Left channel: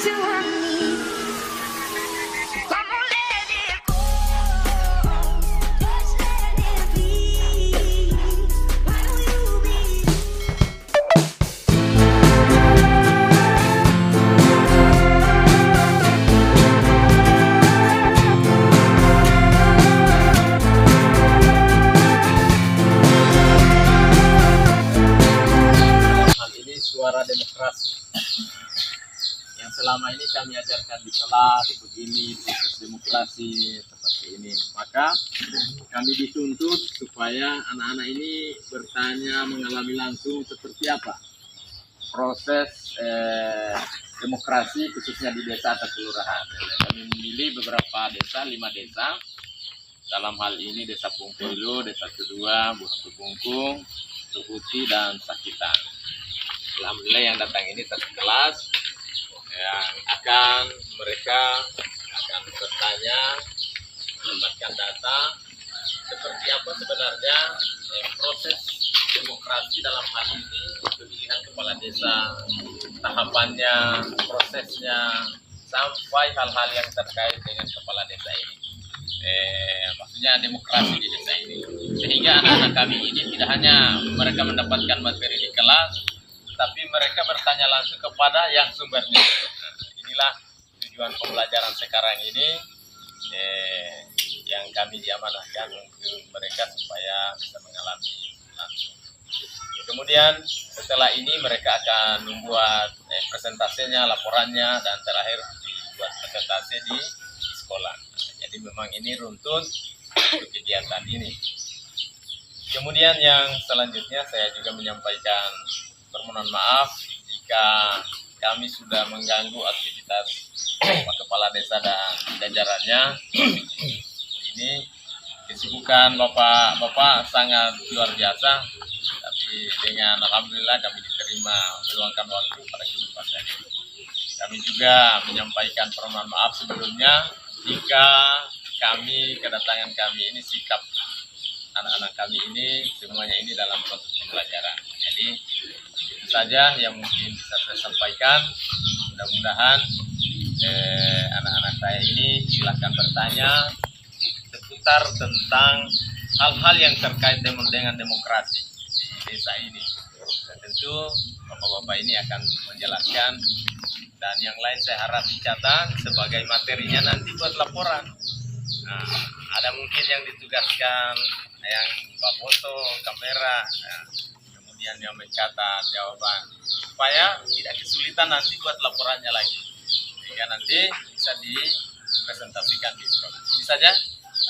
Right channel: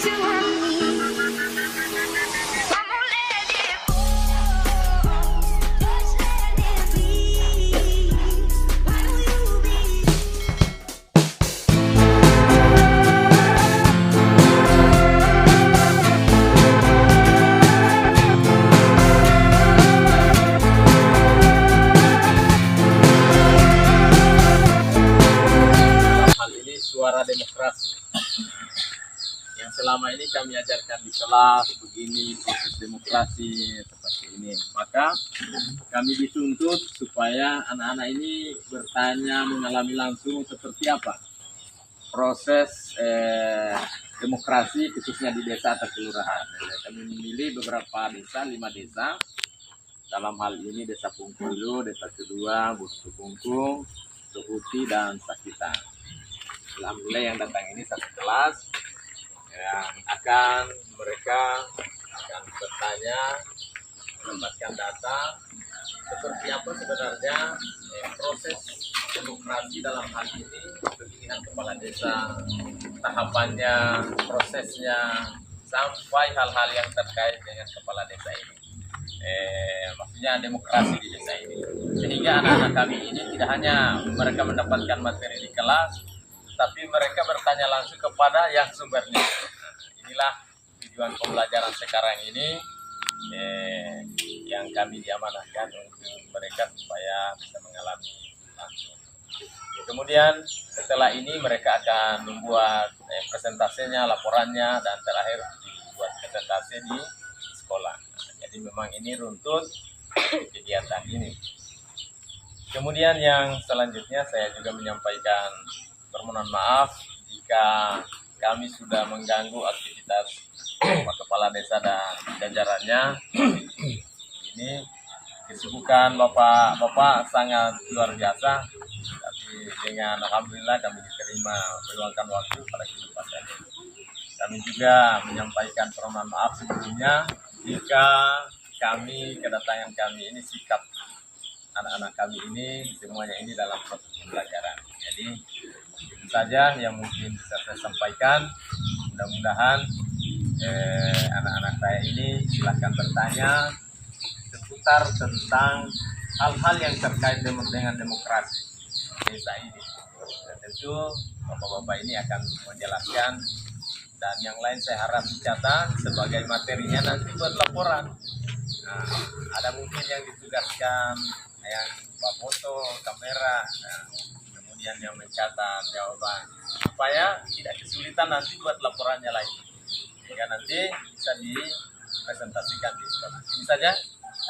used to want me. I'm gonna let it go. Just let it be. Why don't you be? Hal ini suara demokrasi yang selama ini kami ajarkan di kelas begini, proses demokrasi seperti ini. Maka kami dituntut supaya anak-anak ini bertanya, mengalami langsung seperti apa proses demokrasi khususnya di desa atau kelurahan. Jadi kami memilih beberapa desa, 5 desa. Dalam hal ini Desa Pungkulu, Desa Kedua, Butuh Bungkung, Tuhuti, dan Sakitan. Alhamdulillah yang datang ini satu kelas yang mereka akan bertanya, mendapatkan data seperti apa sebenarnya proses demokrasi dalam hal ini, pemilihan kepala desa, tahapannya, prosesnya, sampai hal-hal yang terkait dengan kepala desa ini. Maksudnya demokrasi di desa ini, sehingga anak-anak kami ini tidak hanya mereka mendapatkan materi di kelas, tapi mereka bertanya langsung kepada yang sumbernya. Nah, inilah tujuan pembelajaran sekarang ini yang kami diamanahkan untuk mereka supaya bisa mengalami langsung. Kemudian setelah ini mereka akan membuat presentasinya, laporannya, dan terakhir dibuat presentasi di sekolah. Nah, jadi memang ini runtut kegiatan ini. Kemudian yang selanjutnya saya juga menyampaikan permohonan maaf jika kami sudah mengganggu aktivitas Pak Kepala Desa dan jajarannya. Ini kesibukan Bapak sangat luar biasa, tapi dengan alhamdulillah kami diterima meluangkan waktu pada kesempatan ini. Kami juga menyampaikan permohonan maaf sebelumnya jika kedatangan kami ini, sikap anak-anak kami ini semuanya ini dalam proses pembelajaran. Jadi itu saja yang mungkin bisa saya sampaikan. Mudah-mudahan anak-anak saya ini silahkan bertanya seputar tentang hal-hal yang terkait dengan demokrasi di desa ini. Dan tentu bapak-bapak ini akan menjelaskan, dan yang lain saya harap dicatat sebagai materinya nanti buat laporan. Nah, ada mungkin yang ditugaskan yang buat foto, kamera, kemudian yang mencatat jawaban, supaya tidak kesulitan nanti buat laporannya lagi, sehingga nanti bisa dipresentasikan di sekolah. Ini saja,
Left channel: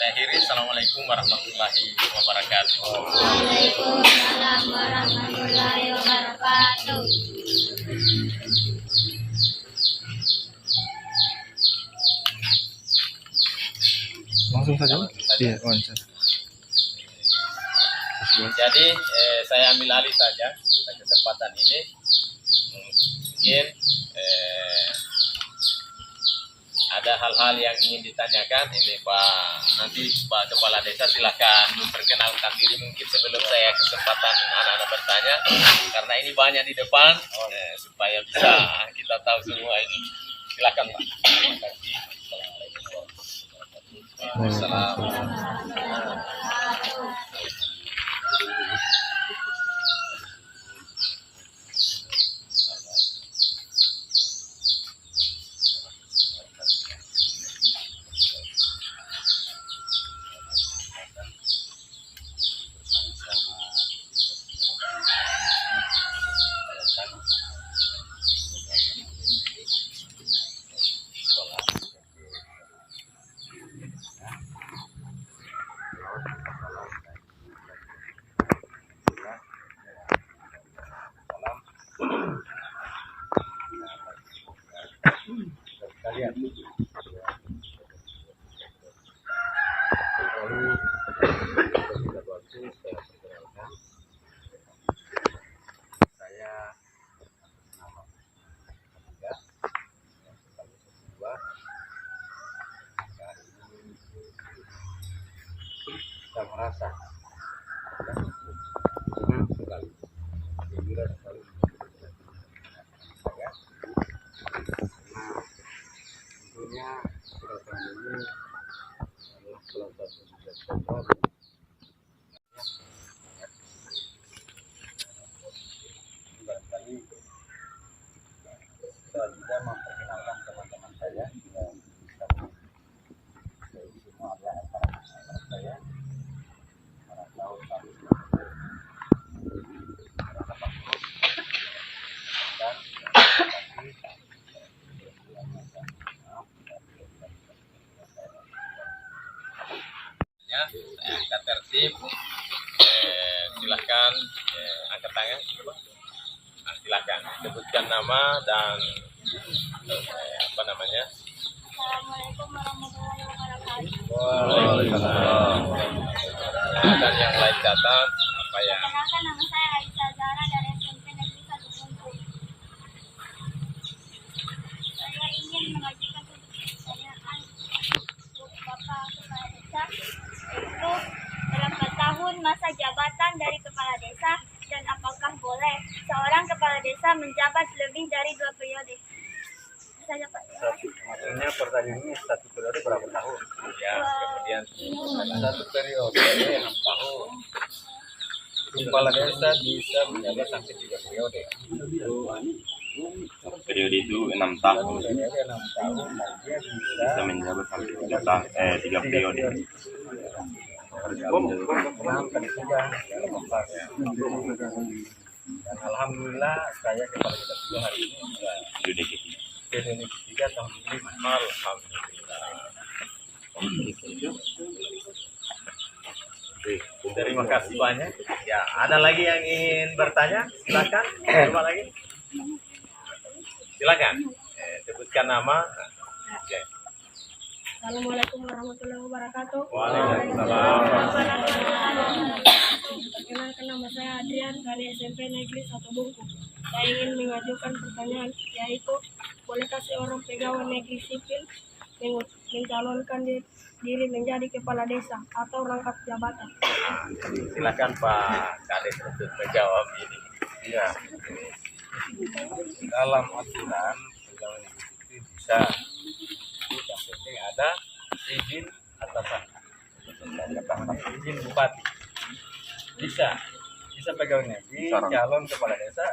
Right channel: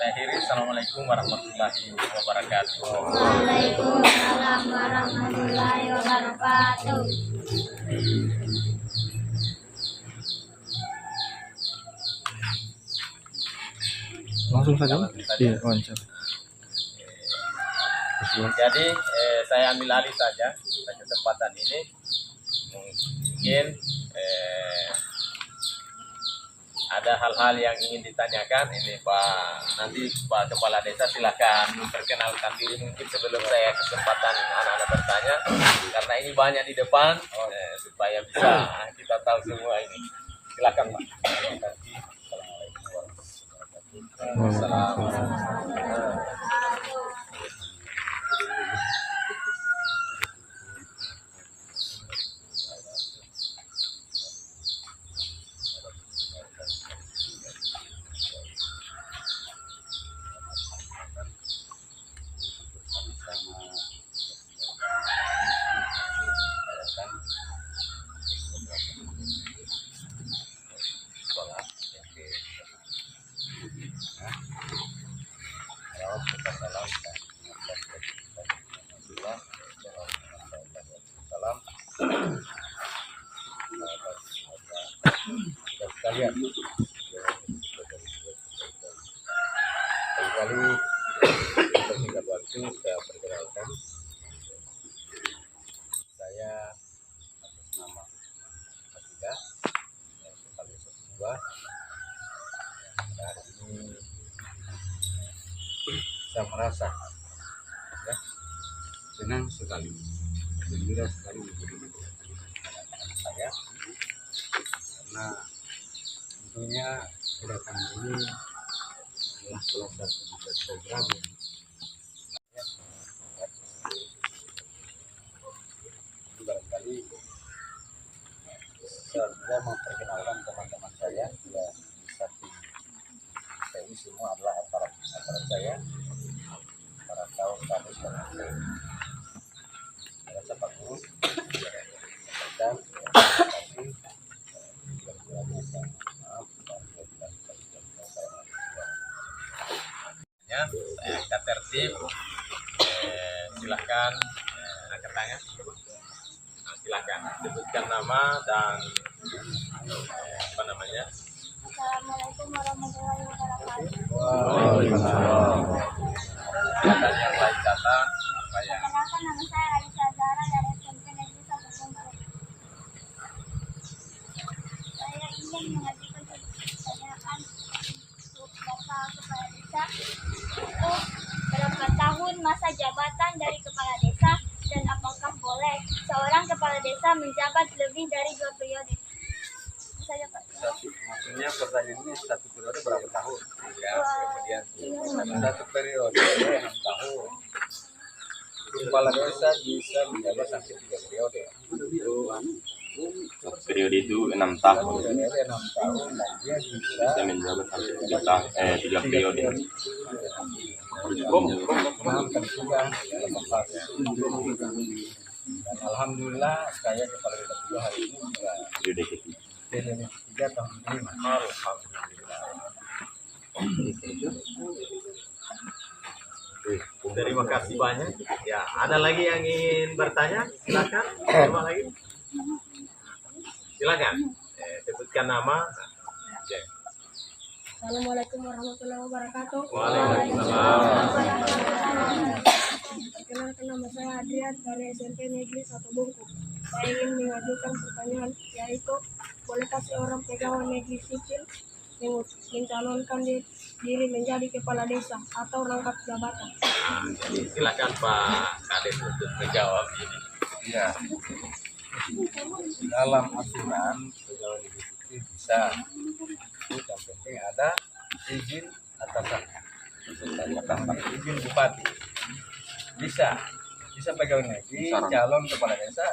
saya akhiri. Assalamualaikum warahmatullahi wabarakatuh. Waalaikumsalam warahmatullahi wabarakatuh. Langsung saja. Iya, wawancara. Jadi saya ambil alih saja pada kesempatan ini. Mungkin ada hal-hal yang ingin ditanyakan. Ini nanti Pak Kepala Desa silahkan memperkenalkan diri mungkin sebelum saya kesempatan anak-anak bertanya, karena ini banyak di depan, supaya bisa kita tahu semua ini. Silakan Pak. Terima kasih. Assalamualaikum warahmatullahi wabarakatuh. Sekalian, kali persingkat waktu saya perkenalkan, saya atas nama Ketiga yang sekaligus kedua, hari ini saya merasa senang sekali, gembira sekali saya, karena Sebenarnya gerakan ini adalah salah satu program barangkali saya juga memperkenalkan teman-teman saya yang bisa ini semua adalah aparat saya para tahun kami rasa Pak Guru dan ya, saya angkat tertib. Silahkan angkat tangan. Silahkan sebutkan nama dan apa namanya. Assalamualaikum warahmatullahi wabarakatuh. Dan yang lain catat apa ya? Perkenalkan, nama saya Aisyah Zahra dari SMP Negeri 1 Bungku. Saya ingin mengajukan pertanyaan untuk Bapak Kepala Desa, yaitu berapa tahun masa jabatan dari Kepala Desa dan apakah boleh seorang Kepala Desa menjabat lebih dari 2 periode? Saja Pak. maksudnya pertanyaan ini satu periode berapa tahun? Ya, kemudian Satu periode 6 tahun. Kepala desa bisa menjabat sampai 3 periode. Satu periode itu 6 Satu tahun periode 6 tahun dan dia bisa bisa menjabat sampai 3 periode. Harus menjabat 6 dan 3 dalam 4 ya. Dan alhamdulillah saya kepala desa juga hari ini sudah periode ketiga. periode ketiga tahun kelima. alhamdulillah. Terima kasih banyak. Ya, ada lagi yang ingin bertanya? Silakan. Coba lagi. Silakan. Sebutkan nama. Oke. Assalamualaikum warahmatullahi wabarakatuh. Waalaikumsalam. Perkenalkan, nama saya Adrian dari SMP Negeri 1 Bungku. Saya ingin mengajukan pertanyaan, yaitu bolehkah seorang pegawai negeri sipil mencalonkan diri menjadi kepala desa atau rangkap jabatan? Silakan Pak Kades untuk menjawab ini. Iya. Dalam aturan pegawai negeri sipil bisa, itu yang penting ada izin atasan, izin bupati. Bisa pegawai negeri calon kepala desa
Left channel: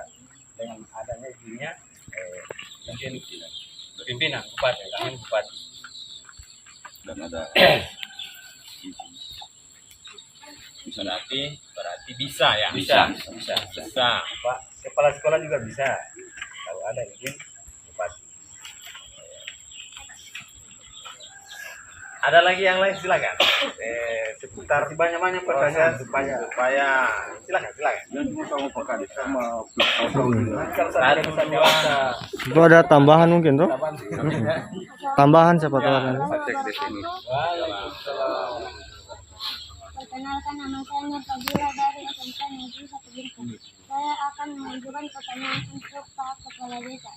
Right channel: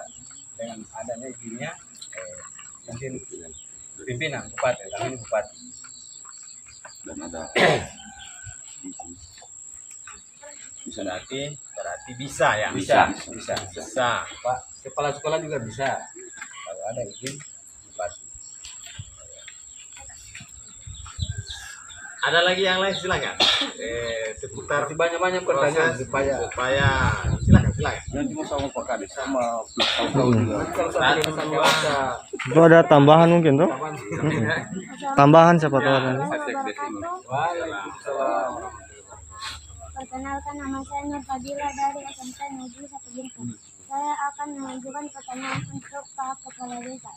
dengan adanya izinnya izin pimpinan bupati, kami ini bupati. Dan ada Berarti bisa ya. Bisa. Pak kepala sekolah juga bisa kalau ada izin bupati. Ada lagi yang lain silakan. Seputar Masih banyak pertanyaan proses supaya silakan. sama Pak Kades sama Itu ada tambahan mungkin tuh? Tambahan siapa tahu ada. Waalaikumsalam. Perkenalkan, nama saya Nur Fadila dari SMP Negeri 1 Bungku. Saya akan mengajukan pertanyaan untuk Pak Kepala Desa.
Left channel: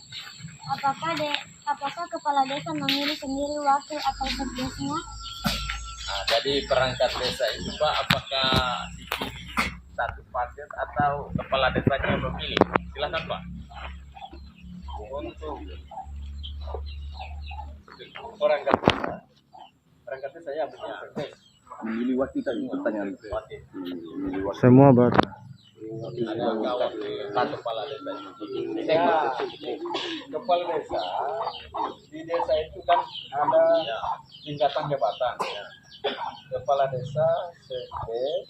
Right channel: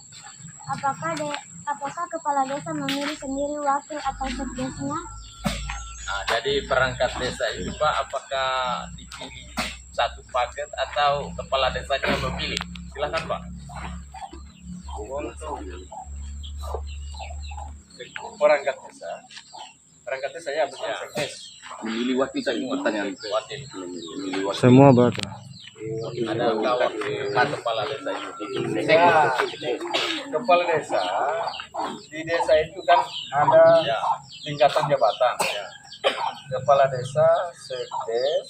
Apakah Kepala Desa memilih sendiri wakil atau sekdesnya? Nah, jadi perangkat desa itu Pak, apakah dipilih satu paket atau kepala desanya memilih? Silakan Pak. Untuk perangkat desa saya bukan sekdes. memilih wakil tadi pertanyaan. Wakil. Memilih wakil. Semua buat. Adakah wakil kepala desa itu? Ya, kepala desa di desa itu kan ada Ya. tingkatan jabatan. Kepala desa, sekdes,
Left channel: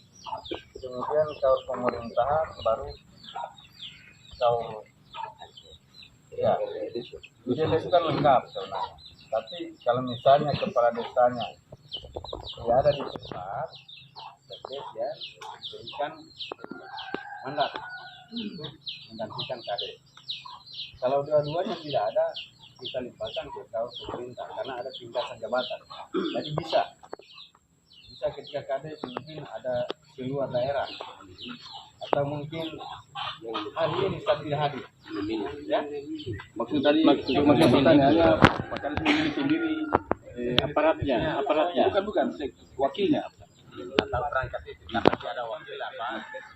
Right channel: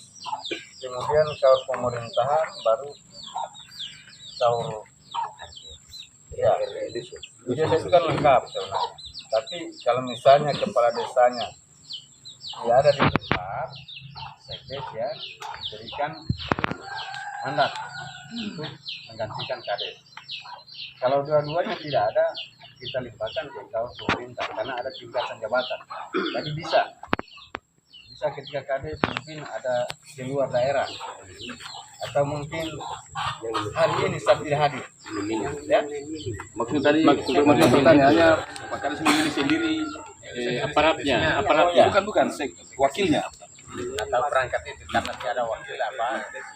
kemudian kaur pemerintahan, baru kaur ya. Di desa itu kan lengkap sebenarnya. Tapi kalau misalnya kepala desanya tidak ada di tempat, sekdes ya berikan mandat untuk menggantikan kades. Kalau dua-duanya tidak ada, kita limpahkan ke kaur pemerintah karena ada tingkatan jabatan. Jadi bisa ketika kades mungkin ada di luar daerah atau mungkin hari ini saat tidak hadir. Ya, Maksud pertanyaannya Pak Kades memilih sendiri aparatnya. Bukan wakilnya. Atau perangkat itu karena tidak ada wakil apa?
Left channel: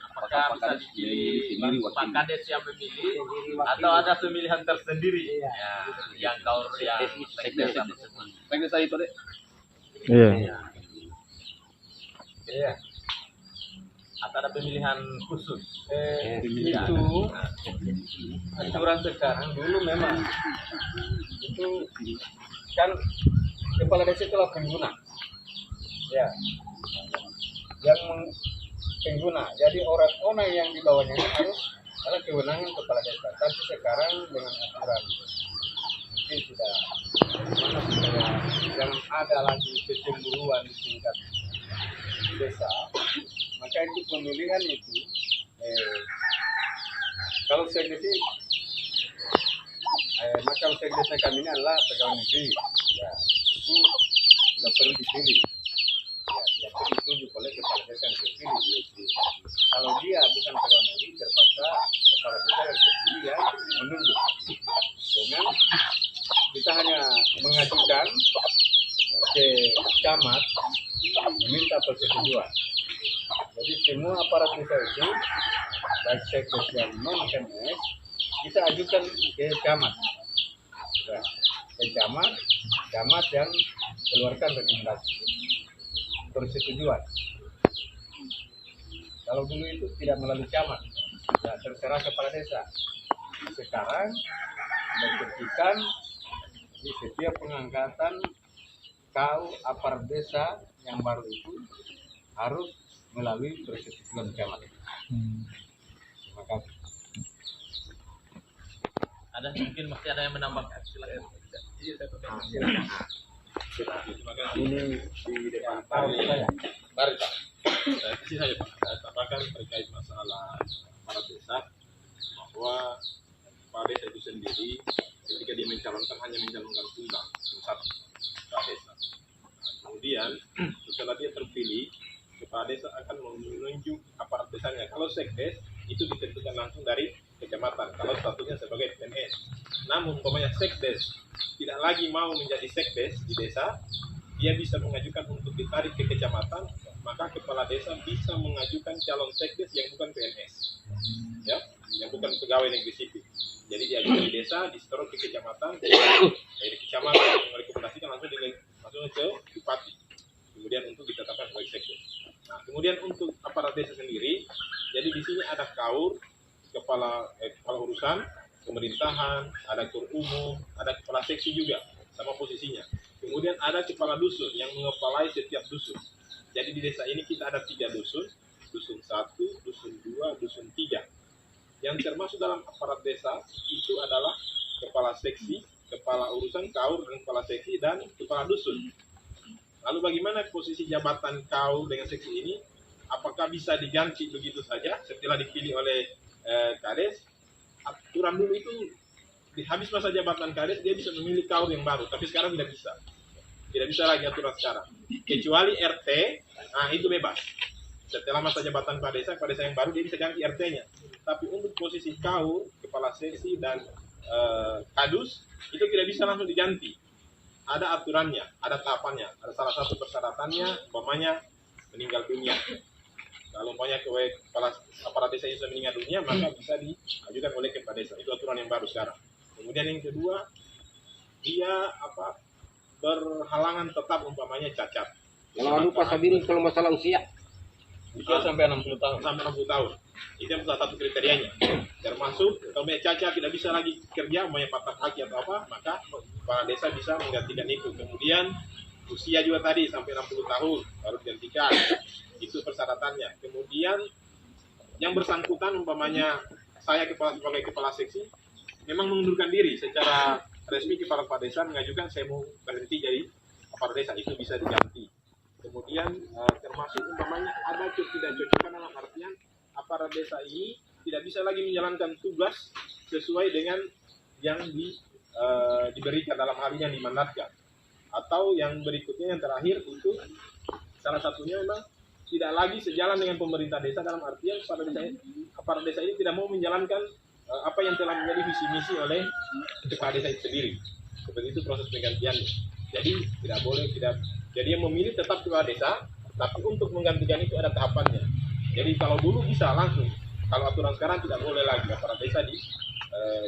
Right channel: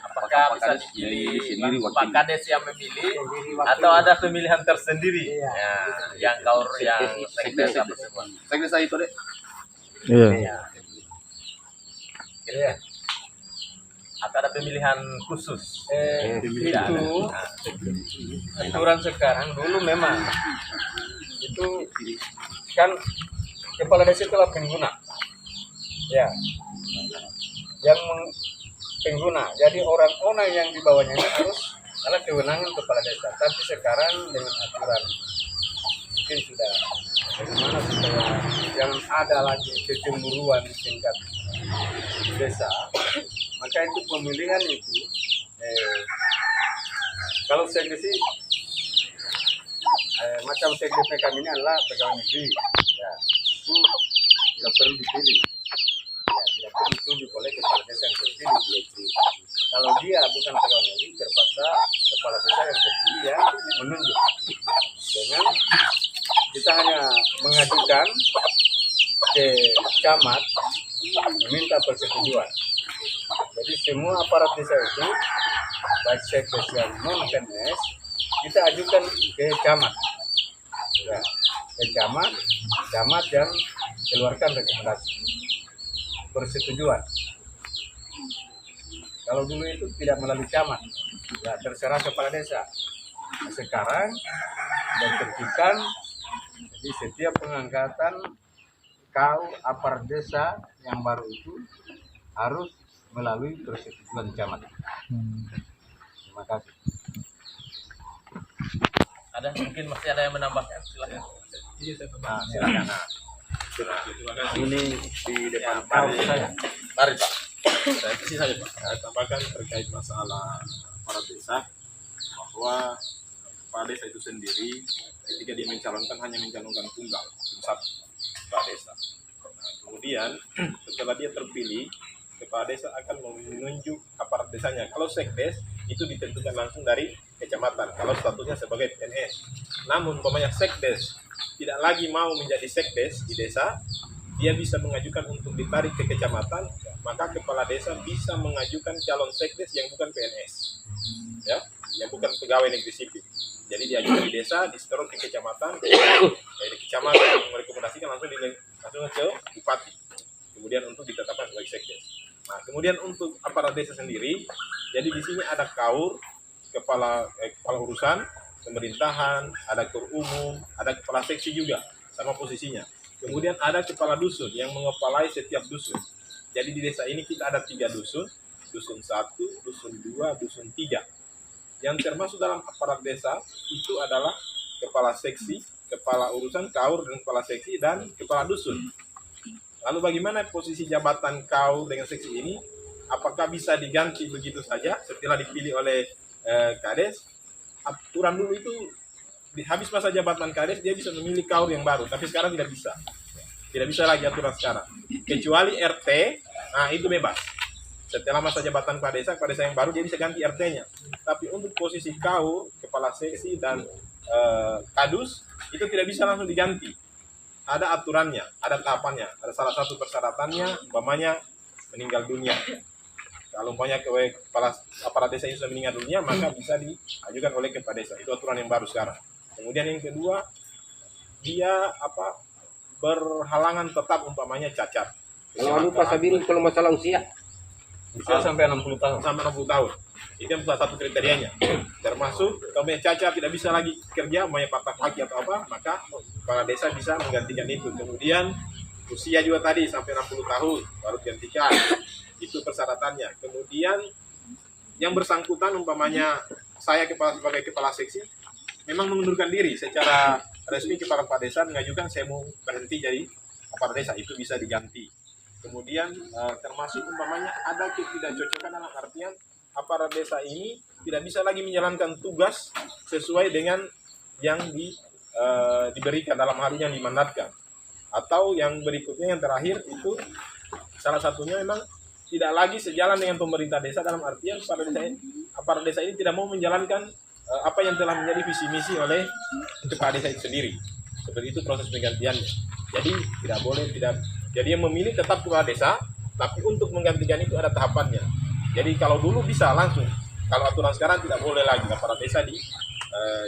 Apakah apakah bisa kades dipilih sendiri Pak wakil. Kades yang memilih atau ada pemilihan tersendiri ya, yang kaur yang sekdes itu semua. Sekdes saya itu deh. Iya. Iya. Atau ada pemilihan khusus. Itu aturan sekarang, dulu memang itu kan kepala desa itulah pengguna, ya, yang pengguna. Jadi orang-orang yang di bawahnya ini harus adalah kewenangan kepala desa. Tapi sekarang dengan aturan mungkin sudah bagaimana supaya jangan ada lagi kecemburuan di tingkat desa, maka itu pemilihan itu kalau sekdes sih macam sekdesnya kami ini adalah pegawai negeri, ya itu tidak perlu dipilih, ya tidak perlu ditunjuk oleh kepala desa yang terpilih. Kalau dia bukan pegawai negeri, terpaksa kepala desa yang terpilih yang menunjuk. Dengan kita hanya mengajukan ke camat meminta persetujuan. Jadi semua aparat desa itu, baik sekdes yang non PNS, kita ajukan ke camat, ya, ke camat yang keluarkan rekomendasi persetujuan. Kalau dulu itu tidak melalui camat, ya terserah kepala desa. Nah, sekarang sudah ditertibkan, jadi setiap pengangkatan aparat desa yang baru itu harus melalui persetujuan camat. Terima kasih. Ada mungkin masih ada yang menambahkan, silakan. Nah, silakan. Ini di depan Saya. Mari Pak. saya kasih saja Pak. Saya tambahkan terkait masalah para desa bahwa kepala desa itu sendiri ketika dia mencalonkan hanya mencalonkan tunggal satu kepala desa. Nah, kemudian setelah dia terpilih, kepala desa akan menunjuk aparat desanya. Kalau sekdes itu ditentukan langsung dari kecamatan kalau statusnya sebagai PNS. Namun umpamanya sekdes tidak lagi mau menjadi sekdes di desa, dia bisa mengajukan untuk ditarik ke kecamatan, maka kepala desa bisa mengajukan calon sekdes yang bukan PNS, ya, yang bukan pegawai negeri sipil. Jadi diajukan di desa, disetor ke kecamatan, dari kecamatan merekomendasikan langsung ke bupati, kemudian untuk ditetapkan sebagai sekdes. Nah, kemudian untuk aparat desa sendiri, jadi di sini ada kaur, kepala urusan pemerintahan, ada kaur umum, ada kepala seksi juga sama posisinya. Kemudian ada kepala dusun yang mengepalai setiap dusun. Jadi di desa ini kita ada 3 dusun, dusun 1, dusun 2, dusun 3. Yang termasuk dalam aparat desa itu adalah kepala seksi, kepala urusan kaur dan kepala seksi dan kepala dusun. Lalu bagaimana posisi jabatan kaur dengan seksi ini? Apakah bisa diganti begitu saja setelah dipilih oleh Kades? Aturan dulu itu habis masa jabatan Kades dia bisa memilih kaur yang baru, tapi sekarang tidak bisa. Tidak bisa lagi aturan sekarang. Kecuali RT, nah itu bebas. Setelah masa jabatan kepala desa yang baru dia bisa ganti RT-nya. Tapi untuk posisi kaur, kepala seksi dan kadus itu tidak bisa langsung diganti. Ada aturannya, ada tahapannya, ada salah satu persyaratannya, umpamanya meninggal dunia. Kalau umpamanya kepala aparat desa itu sudah meninggal dunia, maka bisa diajukan oleh kepala desa. Itu aturan yang baru sekarang. Kemudian yang kedua, dia berhalangan tetap umpamanya cacat. Kalau lupa Sabiri kalau masalah usia Usia sampai 60 tahun. Sampai 60 tahun. Itu yang salah satu kriterianya. Termasuk kalau cacat tidak bisa lagi kerja, umpamanya patah kaki atau apa, maka kepala desa bisa menggantikan itu. Kemudian usia juga tadi sampai 60 tahun baru digantikan. Itu persyaratannya. Kemudian yang bersangkutan umpamanya saya sebagai kepala seksi memang mengundurkan diri secara resmi, kepala desa mengajukan saya mau berhenti jadi kepala desa, itu bisa diganti. Kemudian termasuk umpamanya ada ketidakcocokan dalam artian aparat desa ini tidak bisa lagi menjalankan tugas sesuai dengan yang diberikan dalam hal ini yang dimandatkan. Atau yang berikutnya yang terakhir itu salah satunya memang tidak lagi sejalan dengan pemerintah desa dalam artian aparat desa ini tidak mau menjalankan apa yang telah menjadi visi misi oleh kepala desa itu sendiri. Seperti itu proses penggantiannya. Jadi tidak boleh jadi yang memilih tetap kepala desa, tapi untuk menggantikan itu ada tahapannya. Jadi kalau dulu bisa langsung kalau aturan sekarang tidak boleh lagi kepala desa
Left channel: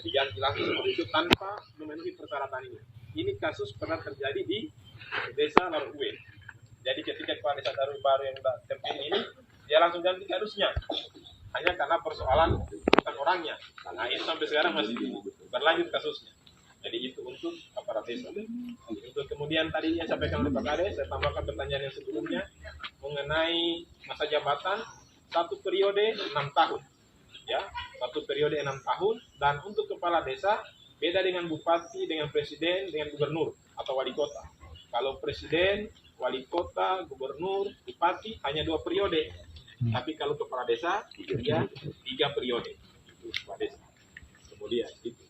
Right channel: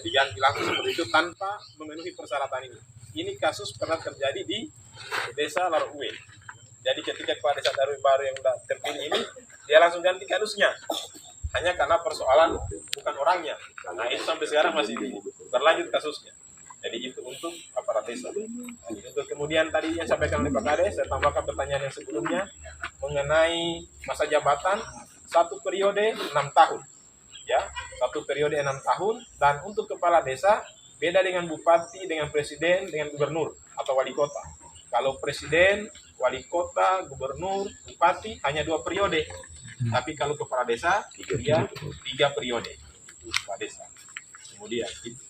diganti langsung seperti itu tanpa memenuhi persyaratan ini. Ini kasus pernah terjadi di desa Laruwe. Jadi ketika kepala desa baru yang sudah terpilih ini, dia langsung ganti kadusnya. Hanya karena persoalan bukan orangnya. Nah itu sampai sekarang masih berlanjut kasusnya. Jadi itu untuk aparat desa. Untuk kemudian tadi yang sampaikan oleh Pak Kades, saya tambahkan pertanyaan yang sebelumnya mengenai masa jabatan 1 periode 6 tahun. Ya, 1 periode 6 tahun, dan untuk kepala desa beda dengan bupati, dengan presiden, dengan gubernur atau wali kota. Kalau presiden, wali kota, gubernur, bupati hanya 2 periode. Tapi kalau kepala desa dia 3 periode. Itu kepala desa. Kemudian itu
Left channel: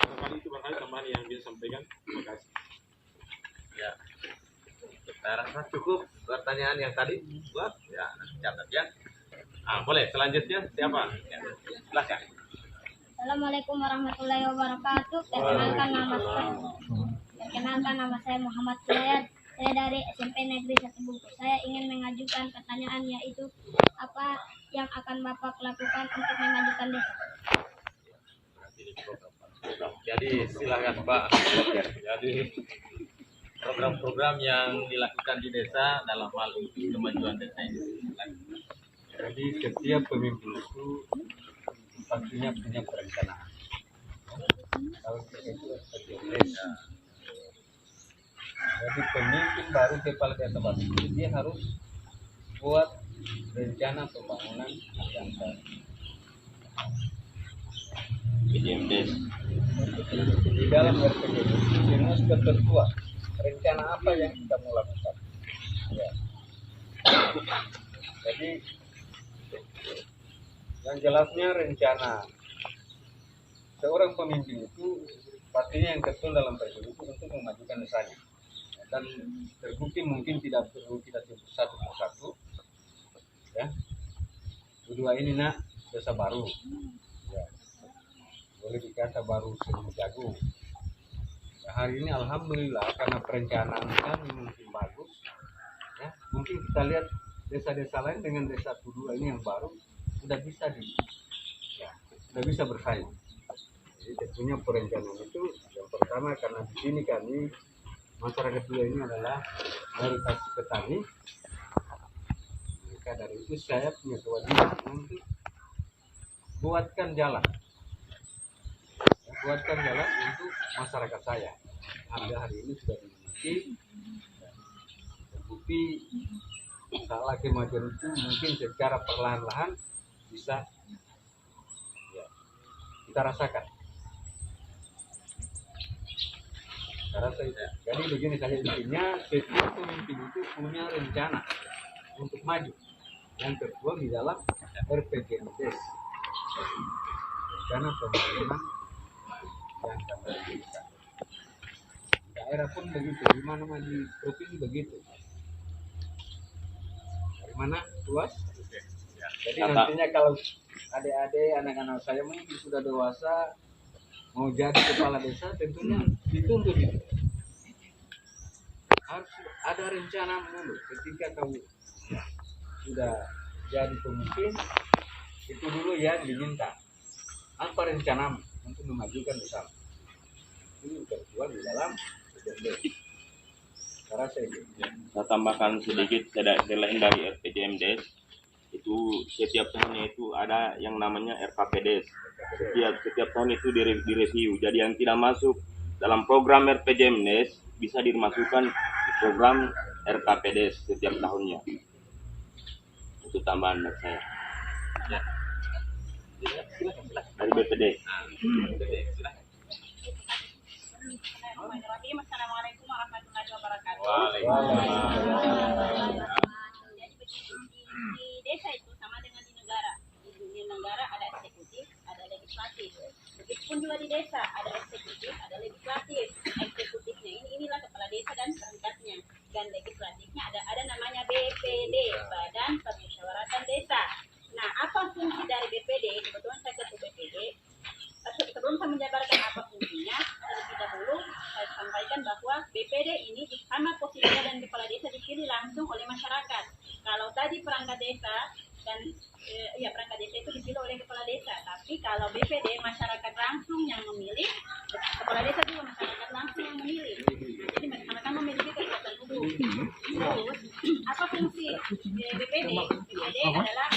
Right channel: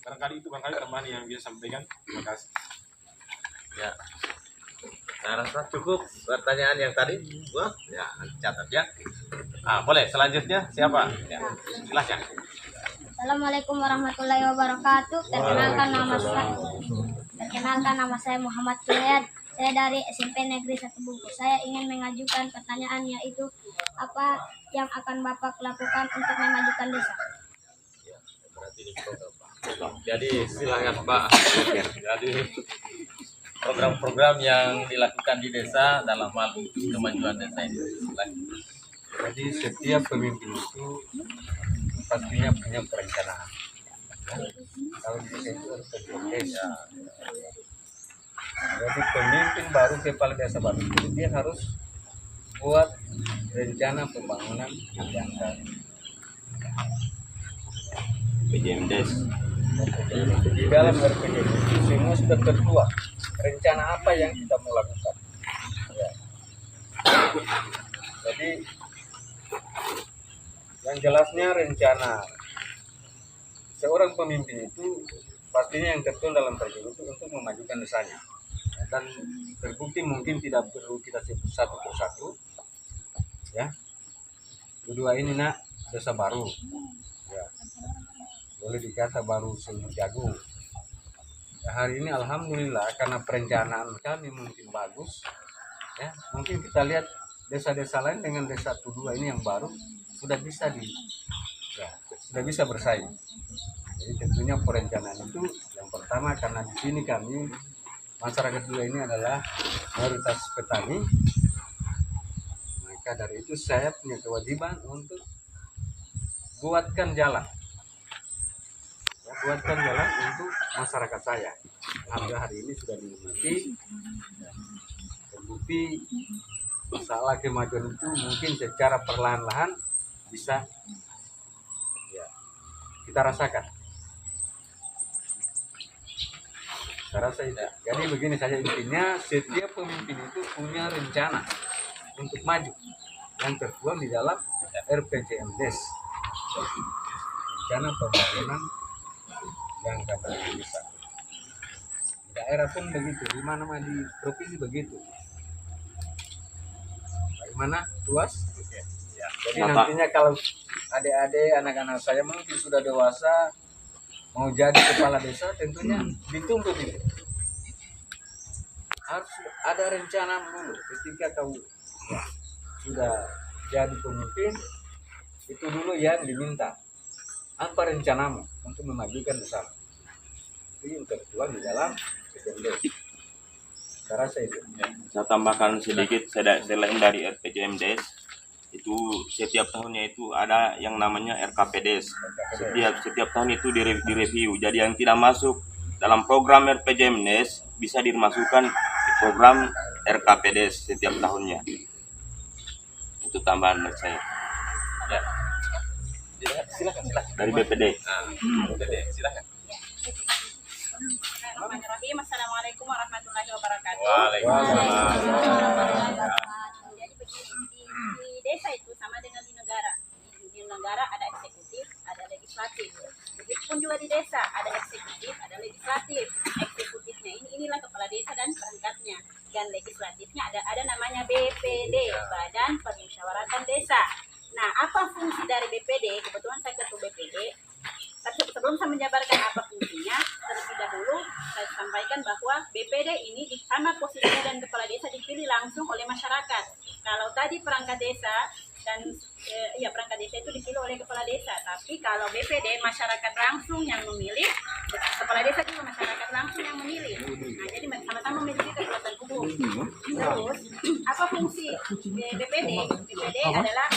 barangkali itu tambahan yang bisa sampaikan. Terima kasih. Ya, saya rasa cukup pertanyaan yang tadi. Wah, ya, catat ya. Boleh selanjutnya siapa? Ya, silakan. Assalamualaikum warahmatullahi wabarakatuh. Perkenalkan nama saya Muhammad Julian. Saya dari SMP Negeri 1 Bungkus. Saya ingin mengajukan pertanyaan, yaitu apa yang akan Bapak lakukan untuk memajukan desa? Jadi silakan Pak. Jadi program-program yang dilakukan di desa dalam hal kemajuan desa ini. Silakan. Jadi setiap pemimpin itu pastinya punya perencanaan. Kalau di desa itu harus ada desa. Jadi pemimpin baru, kepala desa baru, dia harus buat rencana pembangunan yang PJMDes. di dalam RPG itu semua sudah tertuang rencana apa yang kita mau lakukan. Ya. Jadi yang jelasnya rencana seorang pemimpin itu pastinya yang tertuang dalam RPG itu untuk memajukan desanya. Dan terbukti mungkin tidak perlu kita sebut satu persatu. Ya. Kedua ini nak desa baru. Ya. Boleh dikata baru seumur jagung. Ya, hari ini alhamdulillah karena perencanaan kami mungkin bagus. Ya, mungkin kita lihat desa-desa lain dengan desa Tudua ini yang baru sudah bisa sudah bisa bersaing. Jadi tentunya perencanaan itu yang pertama, karena di sini kami masyarakat Tudua ini adalah mayoritas petani. Maka dari itu saya punya kewajiban untuk buatkan jalan untuk masyarakat saya. Alhamdulillah hari ini sudah dinikmati. Terbukti masalah kemajuan itu mungkin secara perlahan-lahan bisa kita rasakan. Saya rasa itu. Jadi begini saja intinya, setiap pemimpin itu punya rencana untuk maju yang tertuang di dalam RPJMDes. Rencana pembangunan yang kami bisa. Daerah pun begitu, di mana di provinsi begitu. Bagaimana, Tuas? Jadi nantinya kalau adik-adik, anak-anak saya mungkin sudah dewasa mau jadi kepala desa, tentunya dituntut itu. Harus ada rencana dulu ketika kamu sudah jadi pemimpin, itu dulu yang diminta. Apa rencanamu untuk memajukan desa? Itu yang tertuang di dalam RPJMDes. Saya rasa itu. Saya tambahkan sedikit, selain dari RPJMDes, itu setiap tahunnya itu ada yang namanya RKPDes. Setiap tahun itu direview. Jadi yang tidak masuk dalam program RPJMDes bisa dimasukkan di program RKPDes setiap tahunnya. Itu tambahan dari saya. Ya. Silakan. Dari BPD. BPD, silakan. Bismillahirrahmanirrahim. Assalamualaikum warahmatullahi wabarakatuh. Waalaikumsalam. Jadi begini, di desa itu sama dengan di negara. Di negara ada eksekutif, ada legislatif. Begitupun juga di desa ada eksekutif, ada legislatif. Eksekutifnya inilah kepala desa dan perangkatnya. Dan legislatifnya ada namanya BPD, Badan Permusyawaratan Desa. Nah, apa fungsi dari BPD? Kebetulan saya ketua BPD. Sebelum saya menjabarkan apa fungsinya, terlebih dahulu saya sampaikan bahwa BPD ini sama posisinya dan kepala desa dipilih langsung oleh masyarakat. Kalau tadi perangkat desa dan perangkat desa itu dipilih oleh kepala desa. Tapi kalau BPD masyarakat langsung yang memilih, kepala desa juga masyarakat langsung yang memilih. Nah, jadi sama-sama memiliki kekuatan hukum. Terus apa fungsi BPD? BPD adalah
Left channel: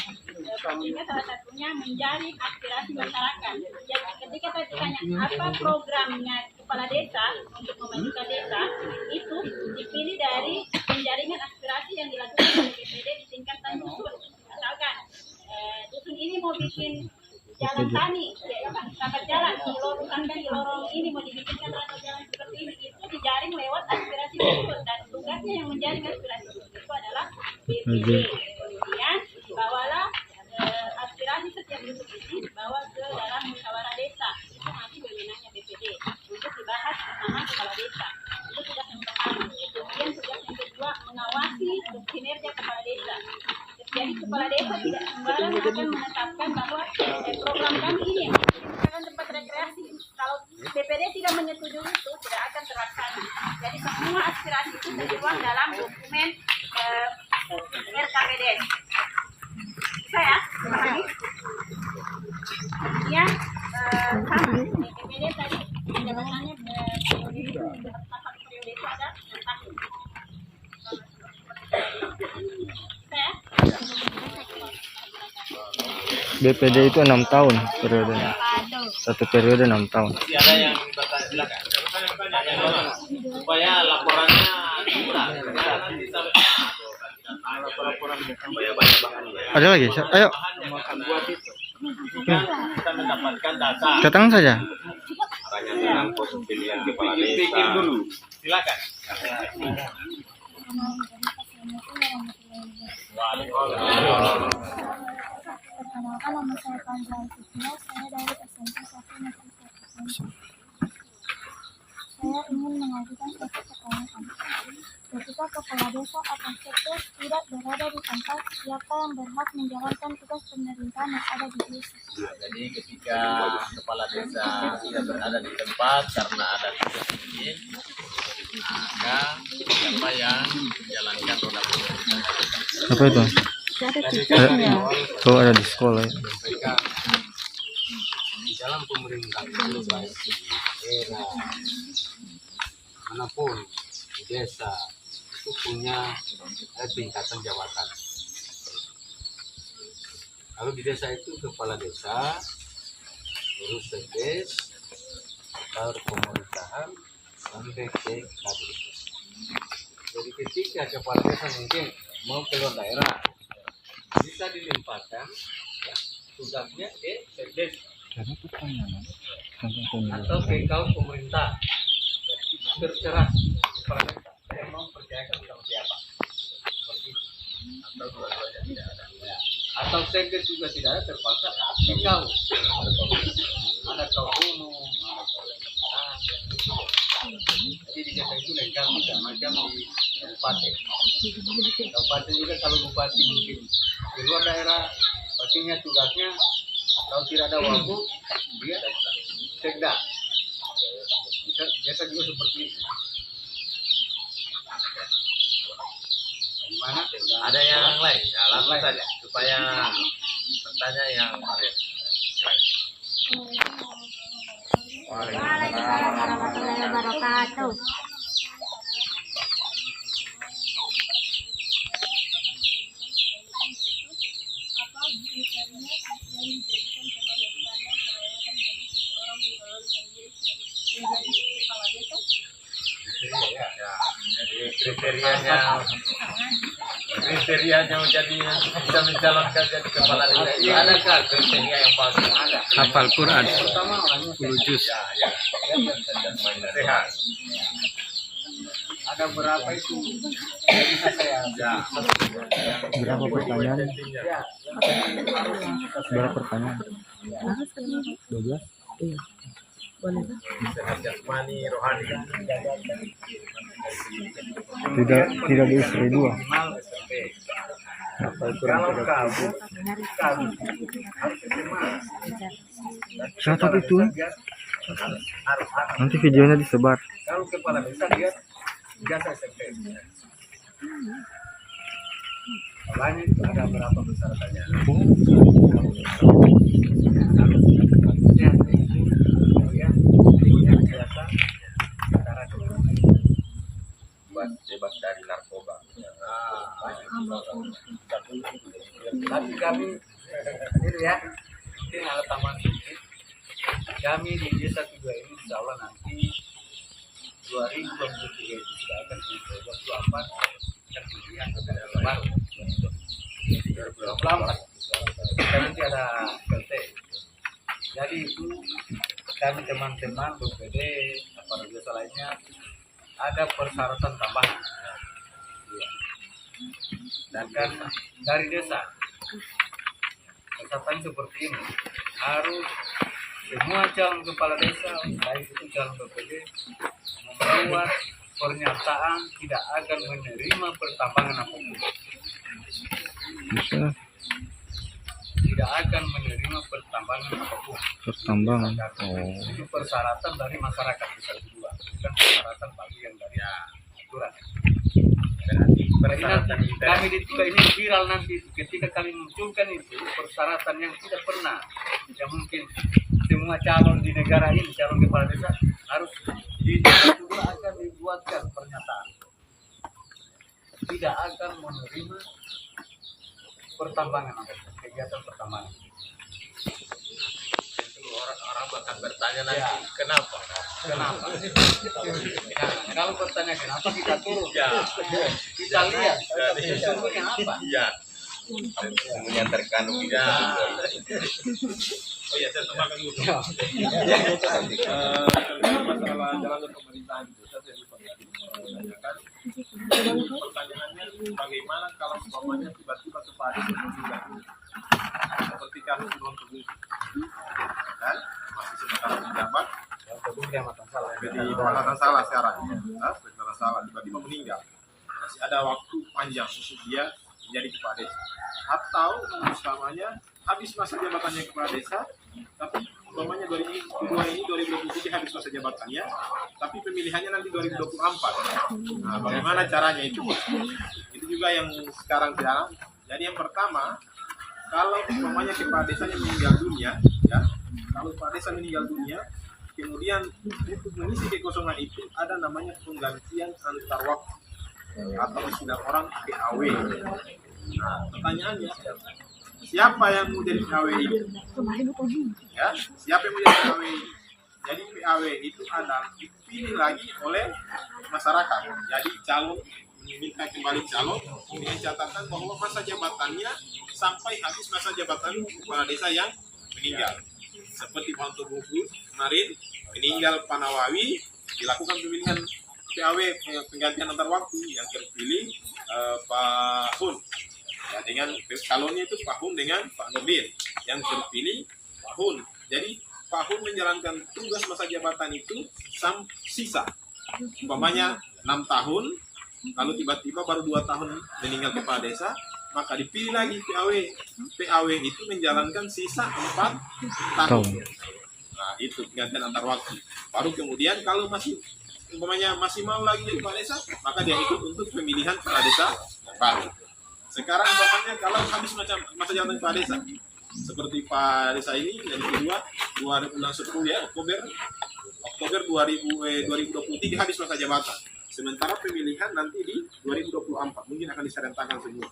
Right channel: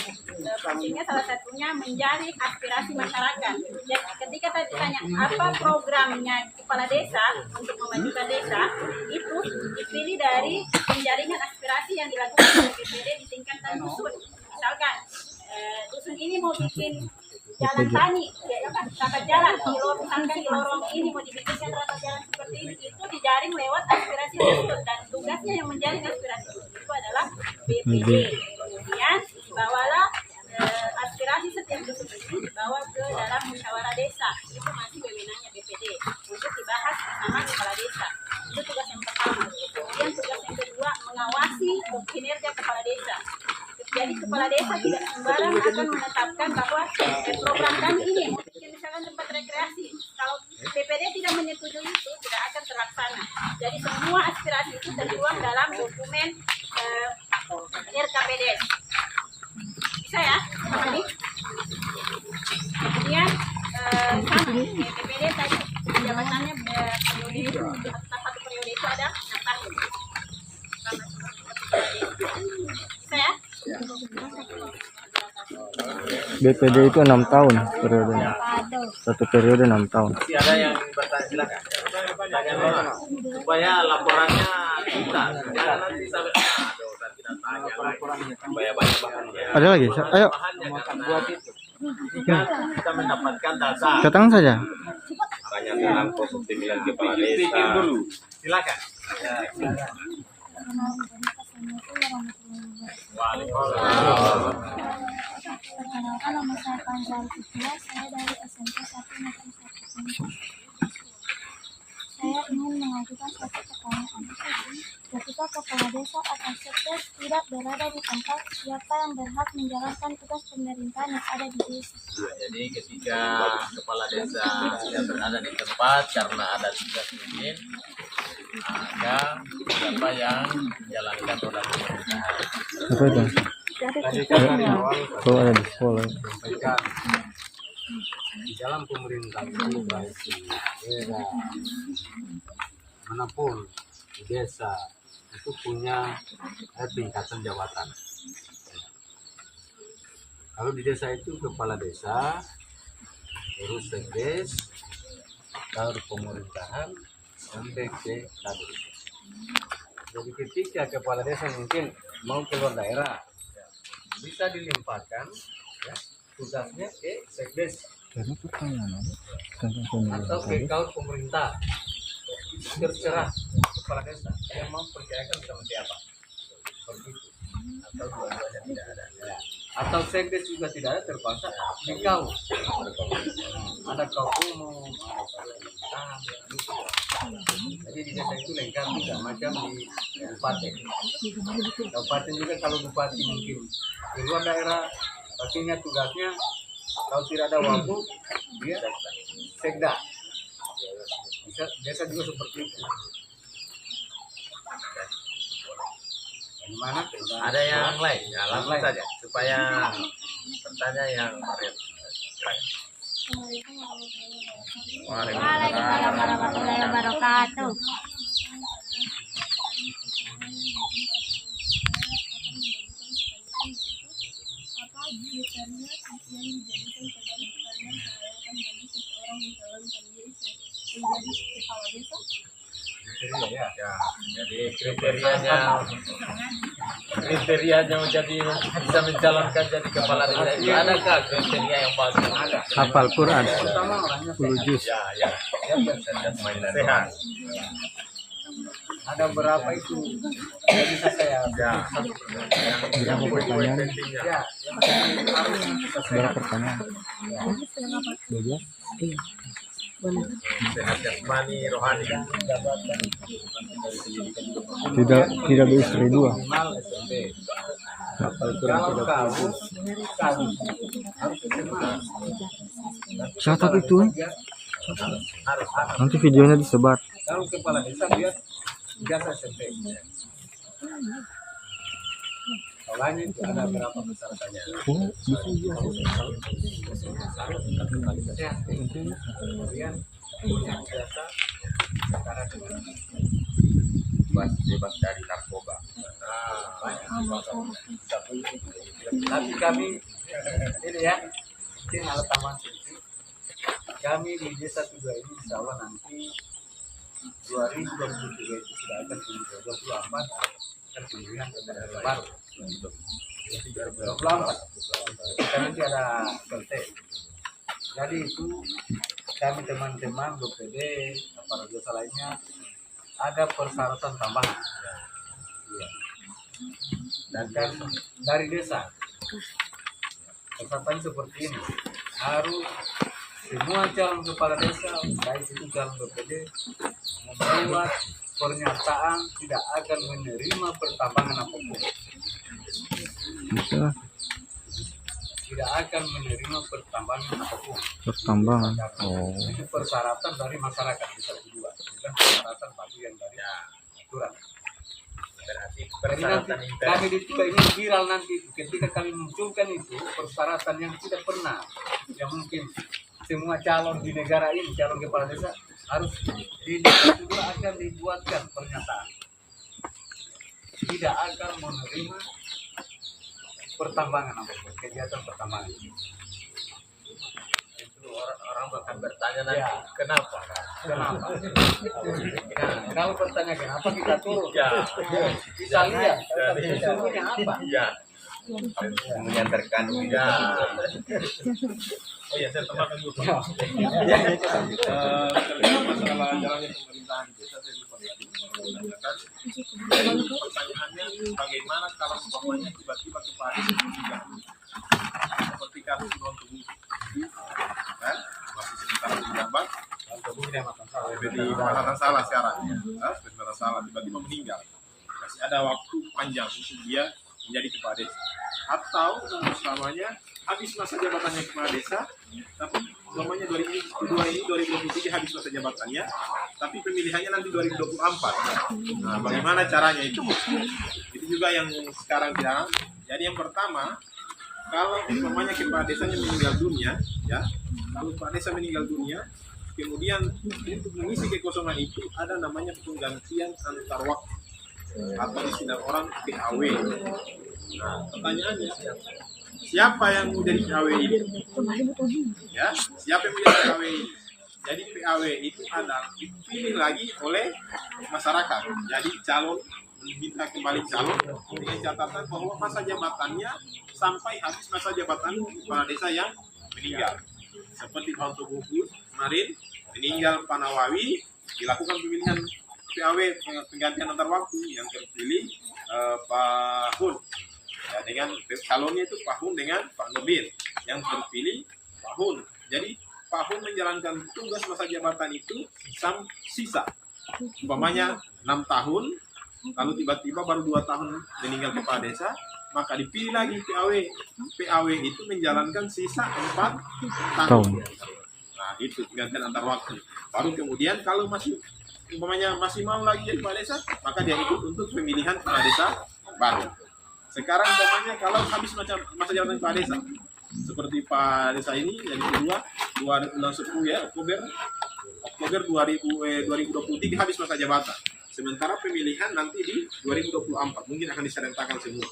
fungsinya salah satunya menjaring aspirasi masyarakat. Jadi ketika tadi ditanya apa programnya kepala desa untuk memajukan desa, itu dipilih dari penjaringan aspirasi yang dilakukan oleh BPD di tingkatan dusun. Misalkan dusun ini mau bikin jalan tani, rapat jalan, misalkan di lorong ini mau dibikinkan rapat jalan seperti ini, itu dijaring lewat aspirasi dusun, dan tugasnya yang menjaring aspirasi dusun itu adalah BPD. Kemudian bawalah aspirasi setiap dusun ini dibawa ke dalam musyawarah desa, itu masih wewenangnya BPD untuk dibahas bersama kepala desa. Itu tugas yang pertama. Kemudian tugas yang kedua, mengawasi kinerja kepala desa. Jadi kepala desa tidak sembarang akan menetapkan bahwa program kami ini misalkan tempat rekreasi. Kalau BPD tidak menyetujui itu, tidak akan terlaksana. Jadi semua aspirasi itu tertuang dalam dokumen RKPDS. Bisa ya? Kemudian BPD tadi jabatannya periode itu, satu periode itu ada 6 tahun. Bisa ya? BPD itu 6 tahun periodenya. Satu periode 6 tahun. Masih ada yang bertanya, silakan. Supaya laporannya kita nanti sampai Ada lagi? Ayo. kita mendapatkan data. Datang saja. Pemilihan kepala desa. Silakan. Perkenalkan, nama saya Panzal Fitria, saya dari SMP 1 Negeri 1. Saya ingin mengajukan satu pertanyaan. Ketika kepala desa atau sekdes tidak berada di tempat, siapa yang berhak menjalankan tugas pemerintahan yang ada di desa? Jadi ketika kepala desa tidak berada di tempat karena ada tugas izin, maka siapa yang menjalankan roda pemerintahan? Apa itu? Oh, ada di sekolah ya. Sampaikan di dalam pemerintahan itu baik di daerah manapun di desa itu punya tingkatan jabatan. Kalau di desa itu kepala desa, terus sekdes, baru pemerintahan sampai ke kadin. Jadi ketika kepala desa mungkin mau keluar daerah, bisa dilimpahkan ya, tugasnya ke sekdes atau ke kaum pemerintah. Terserah kepala desa, saya mau percayakan sama siapa, seperti itu. Atau dua-duanya tidak ada ya. Atau sekdes juga tidak ada, terpaksa ke kau. Ada kau umum, ada kau pemerintah. Jadi di desa itu lengkap juga, macam di kabupaten. Kabupaten juga kalau bupati mungkin di luar daerah, pastinya tugasnya kalau tidak ada waktu dia sekda. Bisa desa juga seperti itu. Bagaimana? Ada yang lain? Ya, langsung saja supaya bertanya yang Mariam. Waalaikumsalam warahmatullahi wabarakatuh. Ya, jadi kriterianya jadi bisa mencalonkan jadi kepala desa itu adakah kriteria yang bagus? Ada. Hafal Quran. Pertama orangnya 10 juz. Ya. Sehat. Ada berapa itu? Yang bisa saya Berapa pertanyaan? Ya, yang penting harus Berapa pertanyaan? 12. Sehat jasmani, rohani. Tidak ada istri dua. minimal SMP. Kalau kamu harus SMA. Catat itu. Harus. Nanti videonya disebar. Kalau kepala desa dia jasa SMP. Polanya itu ada berapa persyaratannya? Kemudian punya biasa secara dengan bebas dari narkoba. Tapi kami ini ya, mungkin ada tambahan sedikit. Kami di Desa Kedua ini insya Allah nanti 2023 itu sudah akan 2024 akan pemilihan kepada baru 2024. Kita nanti ada PLT. Jadi itu kami teman-teman BPD aparat desa lainnya ada persyaratan tambahan. Ya. Dan kan dari desa persyaratan seperti ini harus semua calon kepala desa baik itu calon BPD membuat pernyataan tidak akan menerima pertambangan apapun. Bisa Tidak akan menerima pertambangan apapun. pertambangan. Oh. Itu persyaratan dari masyarakat bisa kedua, bukan persyaratan bagian dari aturan. Jadi nanti kami di tiga ini viral nanti ketika kami munculkan itu persyaratan yang tidak pernah, yang mungkin semua calon di negara ini, calon kepala desa harus di desa juga akan dibuatkan pernyataan tidak akan menerima pertambangan apapun, kegiatan pertambangan. Itu orang akan bertanya nanti kenapa? Kenapa? Nah, kalau bertanya kenapa kita turun, kita lihat sesungguhnya apa. Iya. Yang terkandung di Ya. Oh iya, saya tambahkan dulu. Terkait masalah jalannya pemerintahan di desa, saya lupa tadi menanyakan. Pertanyaannya, bagaimana kalau umpamanya tiba-tiba kepala desa meninggal seperti kasus Ron Teguh, kan? Masih sementara menjabat, di Kecamatan Salah sekarang, Kecamatan Salah tiba-tiba meninggal. Masih ada waktu panjang untuk dia menjadi kepala desa. Atau umpamanya habis masa jabatannya kepala desa, tapi umpamanya 2023 habis masa jabatannya, tapi pemilihannya nanti 2024. Nah, bagaimana caranya itu? Itu juga yang sekarang tidak. Jadi yang pertama, kalau umpamanya kepala desanya meninggal dunia, ya, kalau kepala desa meninggal dunia, kemudian untuk mengisi kekosongan itu ada namanya penggantian antar waktu atau istilah orang PAW. Nah, pertanyaannya, siapa yang mau jadi PAW ini? Ya, siapa yang mau jadi PAW ini? Jadi PAW itu adalah dipilih lagi oleh masyarakat. Jadi calon meminta kembali calon dengan catatan bahwa masa jabatannya sampai habis masa jabatan kepala desa yang meninggal. Seperti Pak Buku kemarin meninggal Pak Nawawi, dilakukan pemilihan PAW penggantian antar waktu yang terpilih Pak Hun. Ya, dengan calonnya itu Pak Hun dengan Pak Nurdin, yang terpilih Pak Hun. Jadi Pak Hun menjalankan tugas masa jabatan itu sisa umpamanya 6 tahun, lalu tiba-tiba baru 2 tahun meninggal kepala desa, maka dipilih lagi PAW. PAW itu menjalankan sisa 4 tahun. Nah, itu penggantian antar waktu. Baru kemudian kalau masih umpamanya masih mau lagi jadi kepala desa, maka dia ikut untuk pemilihan kepala desa baru. Sekarang umpamanya kalau habis masa jabatan kepala desa, seperti Pak Desa ini jadi kedua bulan 10 ya, Oktober 2023 habis masa jabatan. Sementara pemilihan nanti di 2024 mungkin akan diserentakkan semua.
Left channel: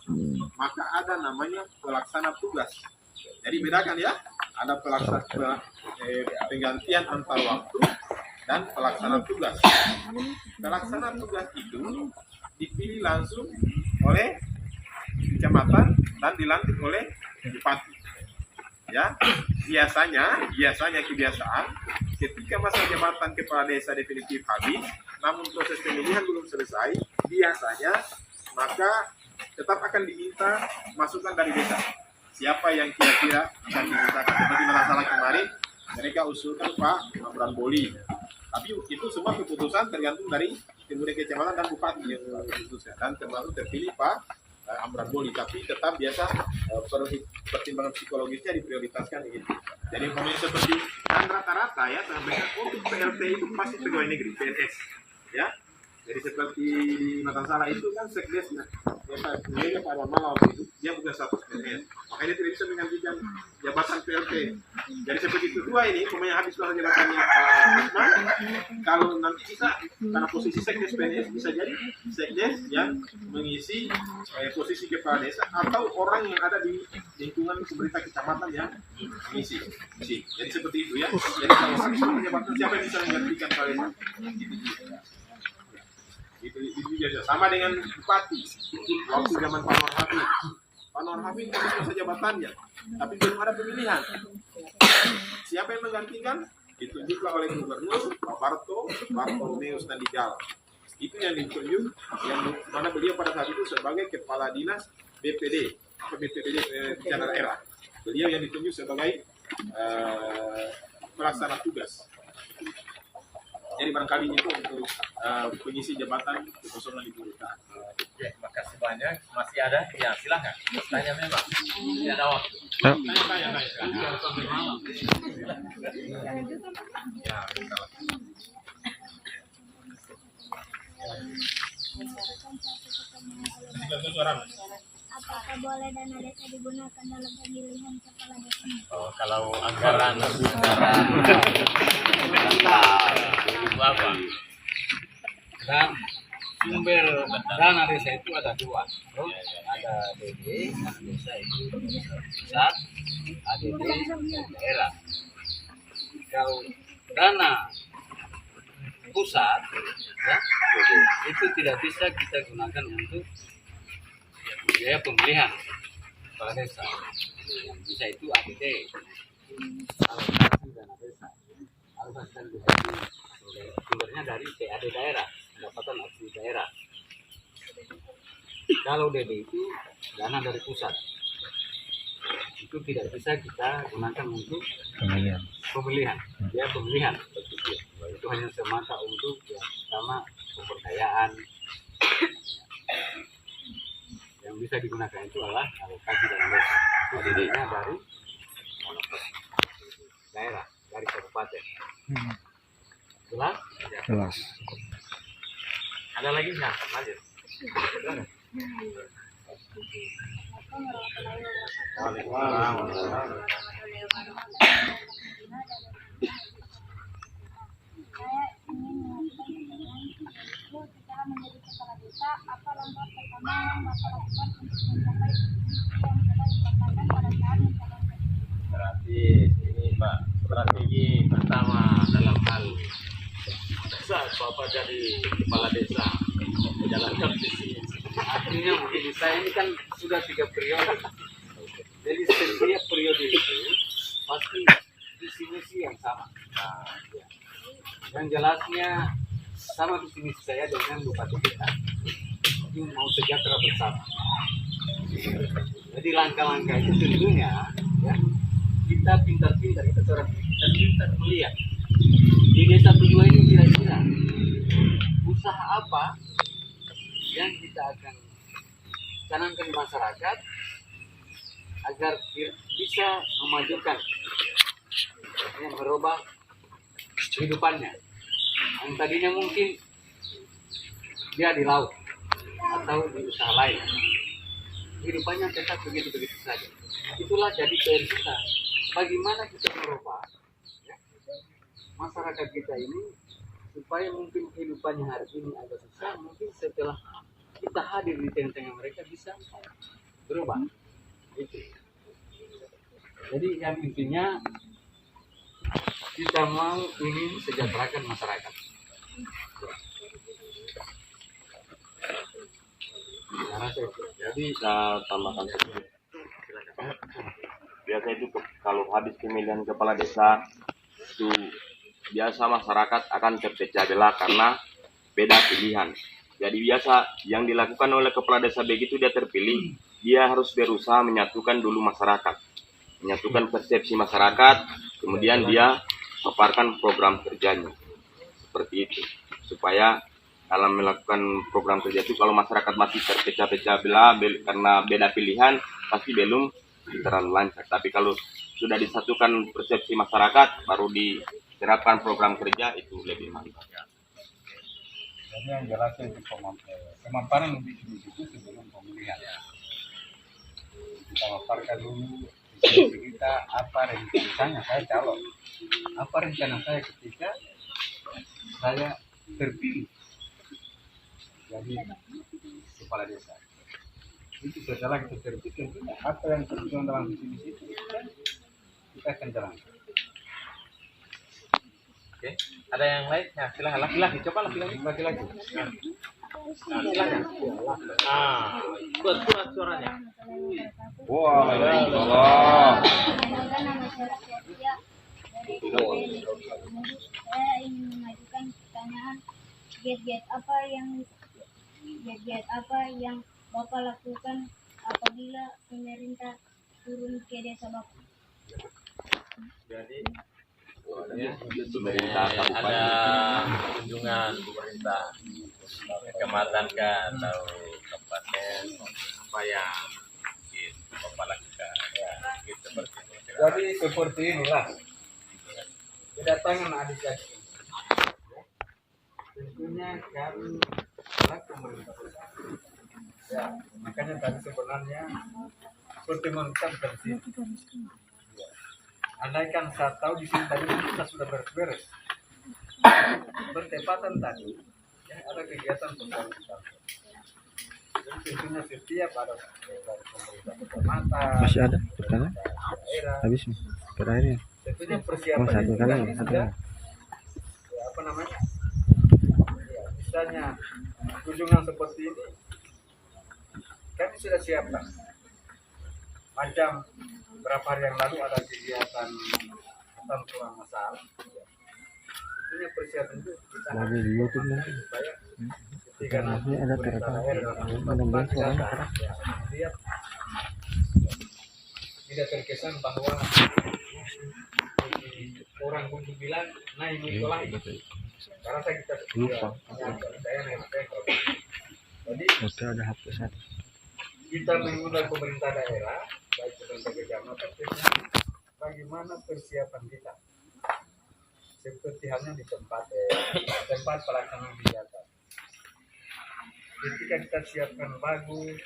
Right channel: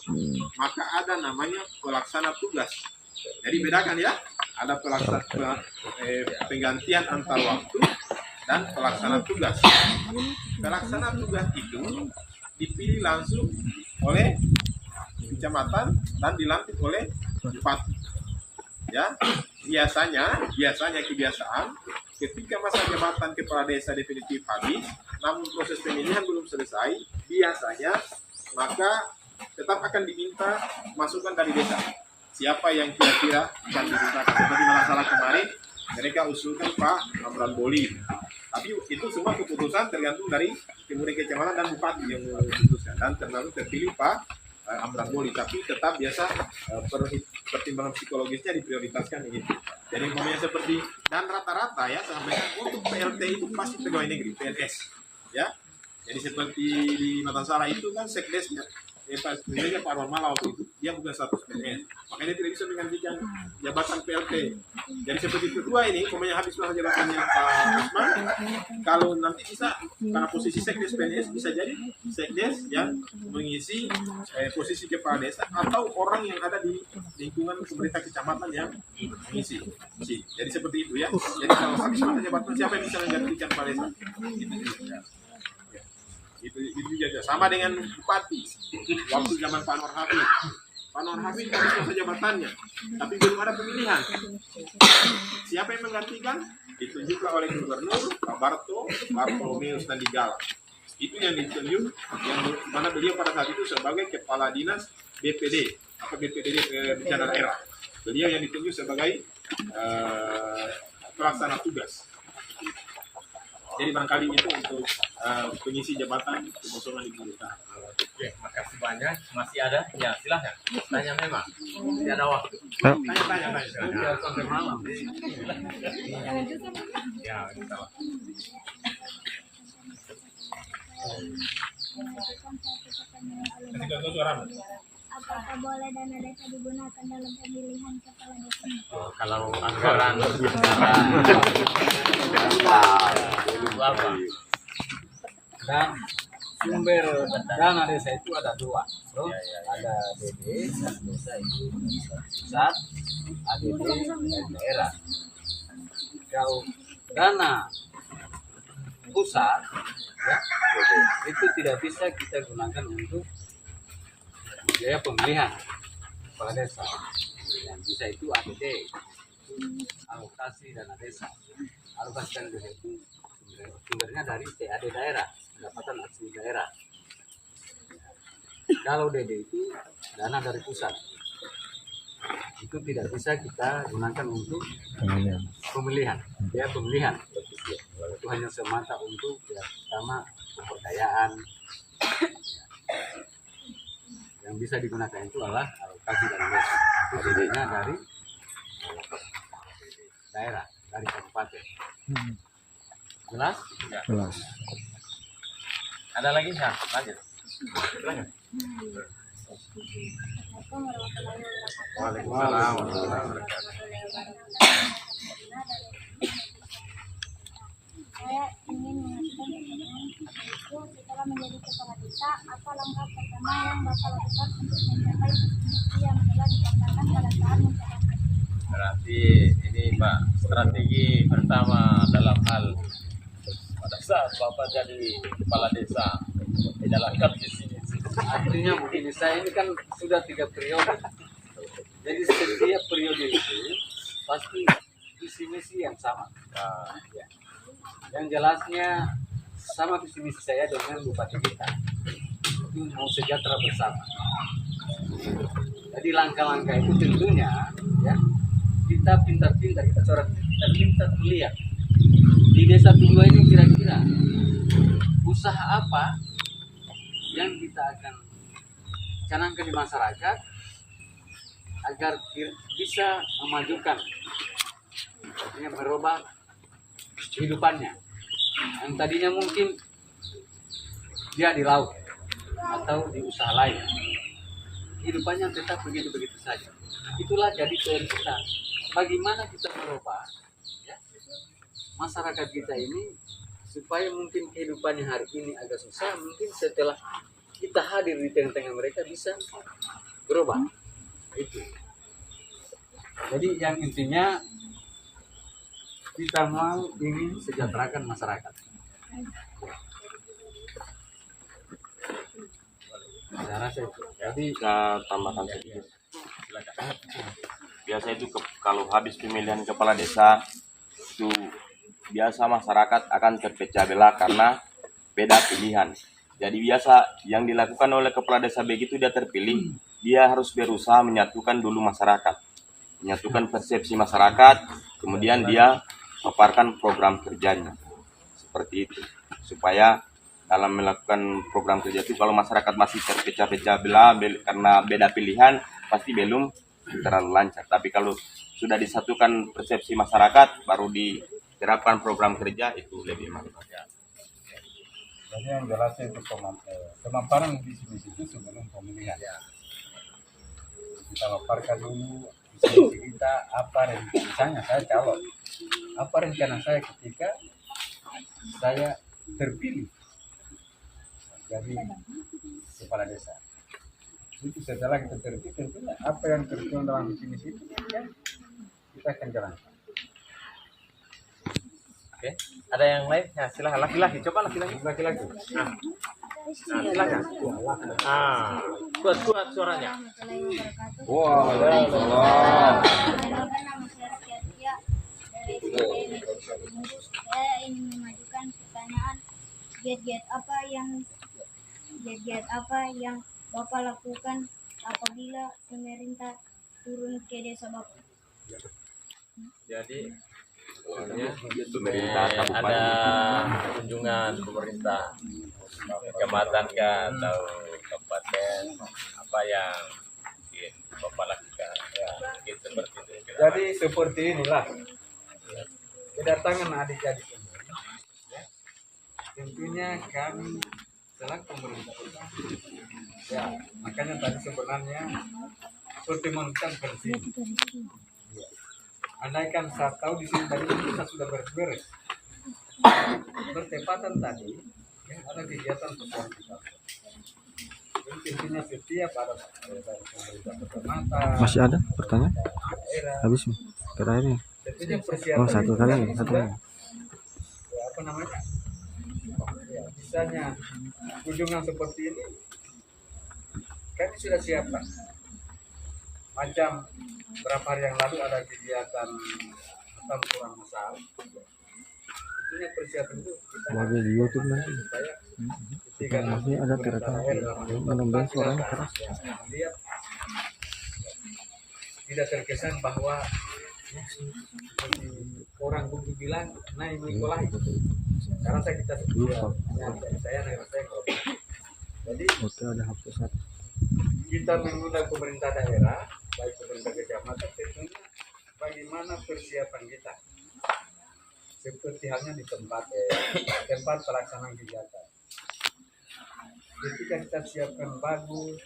Maka ada namanya pelaksana tugas. Jadi bedakan ya, ada penggantian antar waktu dan pelaksana tugas. Pelaksana tugas itu dipilih langsung oleh kecamatan dan dilantik oleh bupati. Ya, kebiasaan ketika masa jabatan kepala desa definitif habis, namun proses pemilihan belum selesai, biasanya maka tetap akan diminta masukan dari desa. Siapa yang kira-kira akan dimintakan? Seperti masalah kemarin, mereka usulkan Pak Amran Boli. Tapi itu semua keputusan tergantung dari kemudian kecamatan dan bupati yang memutuskan, dan termasuk terpilih Pak Amran Boli, tapi tetap biasa pertimbangan psikologisnya diprioritaskan gitu. Jadi umpamanya seperti kan rata-rata ya sampaikan untuk PLT itu pasti pegawai negeri PNS, ya. Jadi seperti di Matansara itu kan sekdesnya, Pak Arwan Malah waktu itu dia bukan status PNS, makanya tidak bisa menggantikan jabatan PLT. Jadi seperti kedua ini, pokoknya habis masa jabatannya Pak Usman, kalau nanti bisa karena posisi sekdes PNS bisa jadi sekdes yang mengisi posisi kepala desa atau orang yang ada di lingkungan pemerintah kecamatan yang mengisi. Jadi seperti itu ya. Jadi kalau habis masa jabatan siapa yang bisa menggantikan kepala desa? Itu juga sama dengan bupati waktu zaman Pak Nur Hafid. Pak Nur Hafid habis masa jabatannya, tapi belum ada pemilihan. Siapa yang menggantikan? Ditunjuklah oleh Gubernur Pak Bartolomeus Nandigala. Itu yang ditunjuk, yang mana beliau pada saat itu sebagai kepala dinas BPD, bencana daerah. Beliau yang ditunjuk sebagai pelaksana tugas. Jadi barangkali itu untuk pengisi jabatan kekosongan di kelurahan. Oke, makasih banyak. Masih ada? Ya, silahkan. Tanya memang. Tidak ada waktu. Tanya. Ya, kita lah. Apakah boleh dana desa digunakan dalam pemilihan kepala desa? Oh, kalau anggaran itu apa? Dan sumber dana desa itu ada dua, bro. Ada DD, dana desa itu pusat, ADD dan daerah. Kalau dana pusat, ya, itu tidak bisa kita gunakan untuk biaya pemilihan kepala desa. Yang bisa itu ADD, alokasi dana desa. Alokasi dana desa itu sumbernya dari PAD daerah, pendapatan asli daerah. Kalau DD itu dana dari pusat, itu tidak bisa kita gunakan untuk pemilihan, biaya pemilihan. Itu hanya semata untuk yang pertama pemberdayaan. Yang bisa digunakan itu adalah alokasi dana desa. Itu sumbernya dari daerah, dari kabupaten. Jelas? Jelas. Ada lagi nggak? Lanjut. Silakan. Waalaikumsalam. Saya ingin mengajukan pertanyaan itu setelah menjadi kepala desa, apa langkah pertama yang Bapak lakukan untuk mencapai visi yang telah dipaparkan pada saat mencalonkan? Berarti ini Pak, strategi pertama dalam hal pada saat Bapak jadi kepala desa menjalankan visi. Artinya begini, saya ini kan sudah 3 periode. Jadi setiap periode itu pasti visi misi yang sama. Nah, Ya. Yang jelasnya sama visi misi saya dengan bupati kita. Itu mau sejahtera bersama. Jadi langkah-langkah itu tentunya ya kita pintar-pintar, kita seorang pintar-pintar melihat di desa tujuan ini kira-kira usaha apa yang kita akan canangkan di masyarakat agar bisa memajukan, artinya merubah kehidupannya yang tadinya mungkin dia di laut atau di usaha lain, kehidupannya tetap begitu-begitu saja. Itulah jadi PR kita, bagaimana kita merubah ya, masyarakat kita ini supaya mungkin kehidupannya hari ini agak susah, mungkin setelah kita hadir di tengah-tengah mereka bisa berubah. Itu. Jadi yang intinya kita mau ingin sejahterakan masyarakat. Saya rasa itu. Jadi Saya tambahkan sedikit. Biasa itu kalau habis pemilihan kepala desa itu biasa masyarakat akan terpecah belah karena beda pilihan. Jadi biasa yang dilakukan oleh kepala desa begitu dia terpilih, dia harus berusaha menyatukan dulu masyarakat, menyatukan persepsi masyarakat, kemudian dia paparkan program kerjanya seperti itu, supaya dalam melakukan program kerja itu kalau masyarakat masih terpecah-pecah belah karena beda pilihan pasti belum terlalu lancar. Tapi kalau sudah disatukan persepsi masyarakat baru diterapkan program kerja itu lebih mantap. Jadi yang jelasnya itu pemaparan visi misi itu sebelum pemilihan. Kita paparkan dulu visi misi kita, apa rencana, misalnya saya calon, apa rencana saya ketika saya terpilih jadi kepala desa. Itu setelah kita terpilih tentunya apa yang tertuang dalam visi misi itu ya, kita akan jalankan. Oke, ada yang lain? Ya, silahkan laki-laki, coba laki-laki. Laki-laki. Silakan. Buat surat-suaranya. Wah, Perkenalkan, nama saya Rizky Atia dari SMP Negeri 1 Munggus. Saya ingin mengajukan pertanyaan giat-giat apa yang Bapak lakukan apabila pemerintah turun ke desa Bapak? Jadi Pemerintah ada kabupaten. kunjungan pemerintah kecamatan atau kabupaten, apa yang mungkin Bapak lakukan ya, gitu seperti itu. jadi seperti inilah kedatangan adik-adik ini. Ya. Tentunya kami selaku pemerintah pusat. Ya, makanya tadi sebenarnya seperti mengucapkan sini. Ya. Andaikan saya tahu di sini tadi kita sudah beres-beres. Bertepatan tadi, ya, ada kegiatan sosial kita. Jadi tentunya setiap ada dari pemerintah kecamatan, Masih ada pertanyaan? daerah, Habis nih. Terakhirnya. tentunya persiapan Oh, satu itu kali, kami satu sudah, kali. ya, apa namanya, ya, misalnya kunjungan seperti ini kami sudah siapkan. Macam berapa hari yang lalu ada kegiatan hutan kurang masal, ya. Tentunya persiapan itu kita Lagi di YouTube nanti. supaya ketika Masih ada pemerintah terekam. daerah Mudah-mudahan suaranya datang, keras. ya, lihat tidak terkesan bahwa orang kudu bilang nah ini sekolah gitu. Karena kita Lupa. saya jadi Oke, ada HP satu. kita mengundang pemerintah daerah baik pemerintah kecamatan tentunya bagaimana persiapan kita seperti halnya di tempat pelaksanaan kegiatan. Ketika kita siapkan bagus,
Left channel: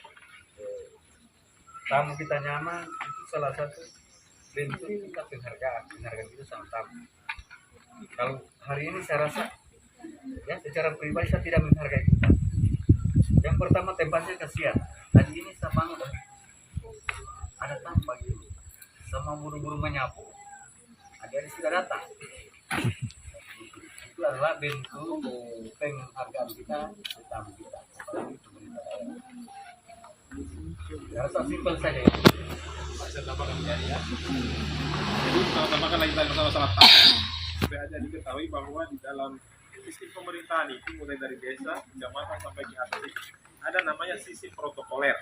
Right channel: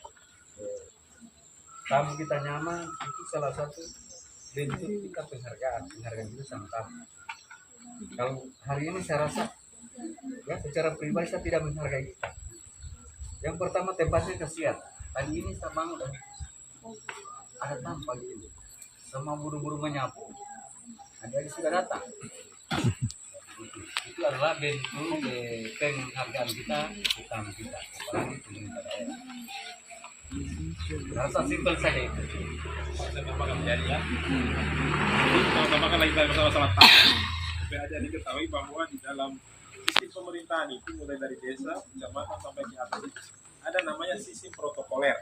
tamu kita nyaman, itu salah satu bentuk kita penghargaan kita sama tamu. Kalau hari ini saya rasa ya secara pribadi saya tidak menghargai kita. Yang pertama tempatnya kasihan. Tadi ini saya bangun ada tamu pagi ini, sama buru-buru menyapu, ada yang sudah datang. Itu adalah bentuk penghargaan kita ke tamu kita, apalagi pemerintah daerah. Rasa simpel saja itu. Saya tambahkan jadi ya. Jadi kalau tambahkan lagi tadi masalah tamu, supaya aja diketahui bahwa di dalam sistem pemerintahan itu mulai dari desa, kecamatan sampai ke atas itu ada namanya sistem protokoler.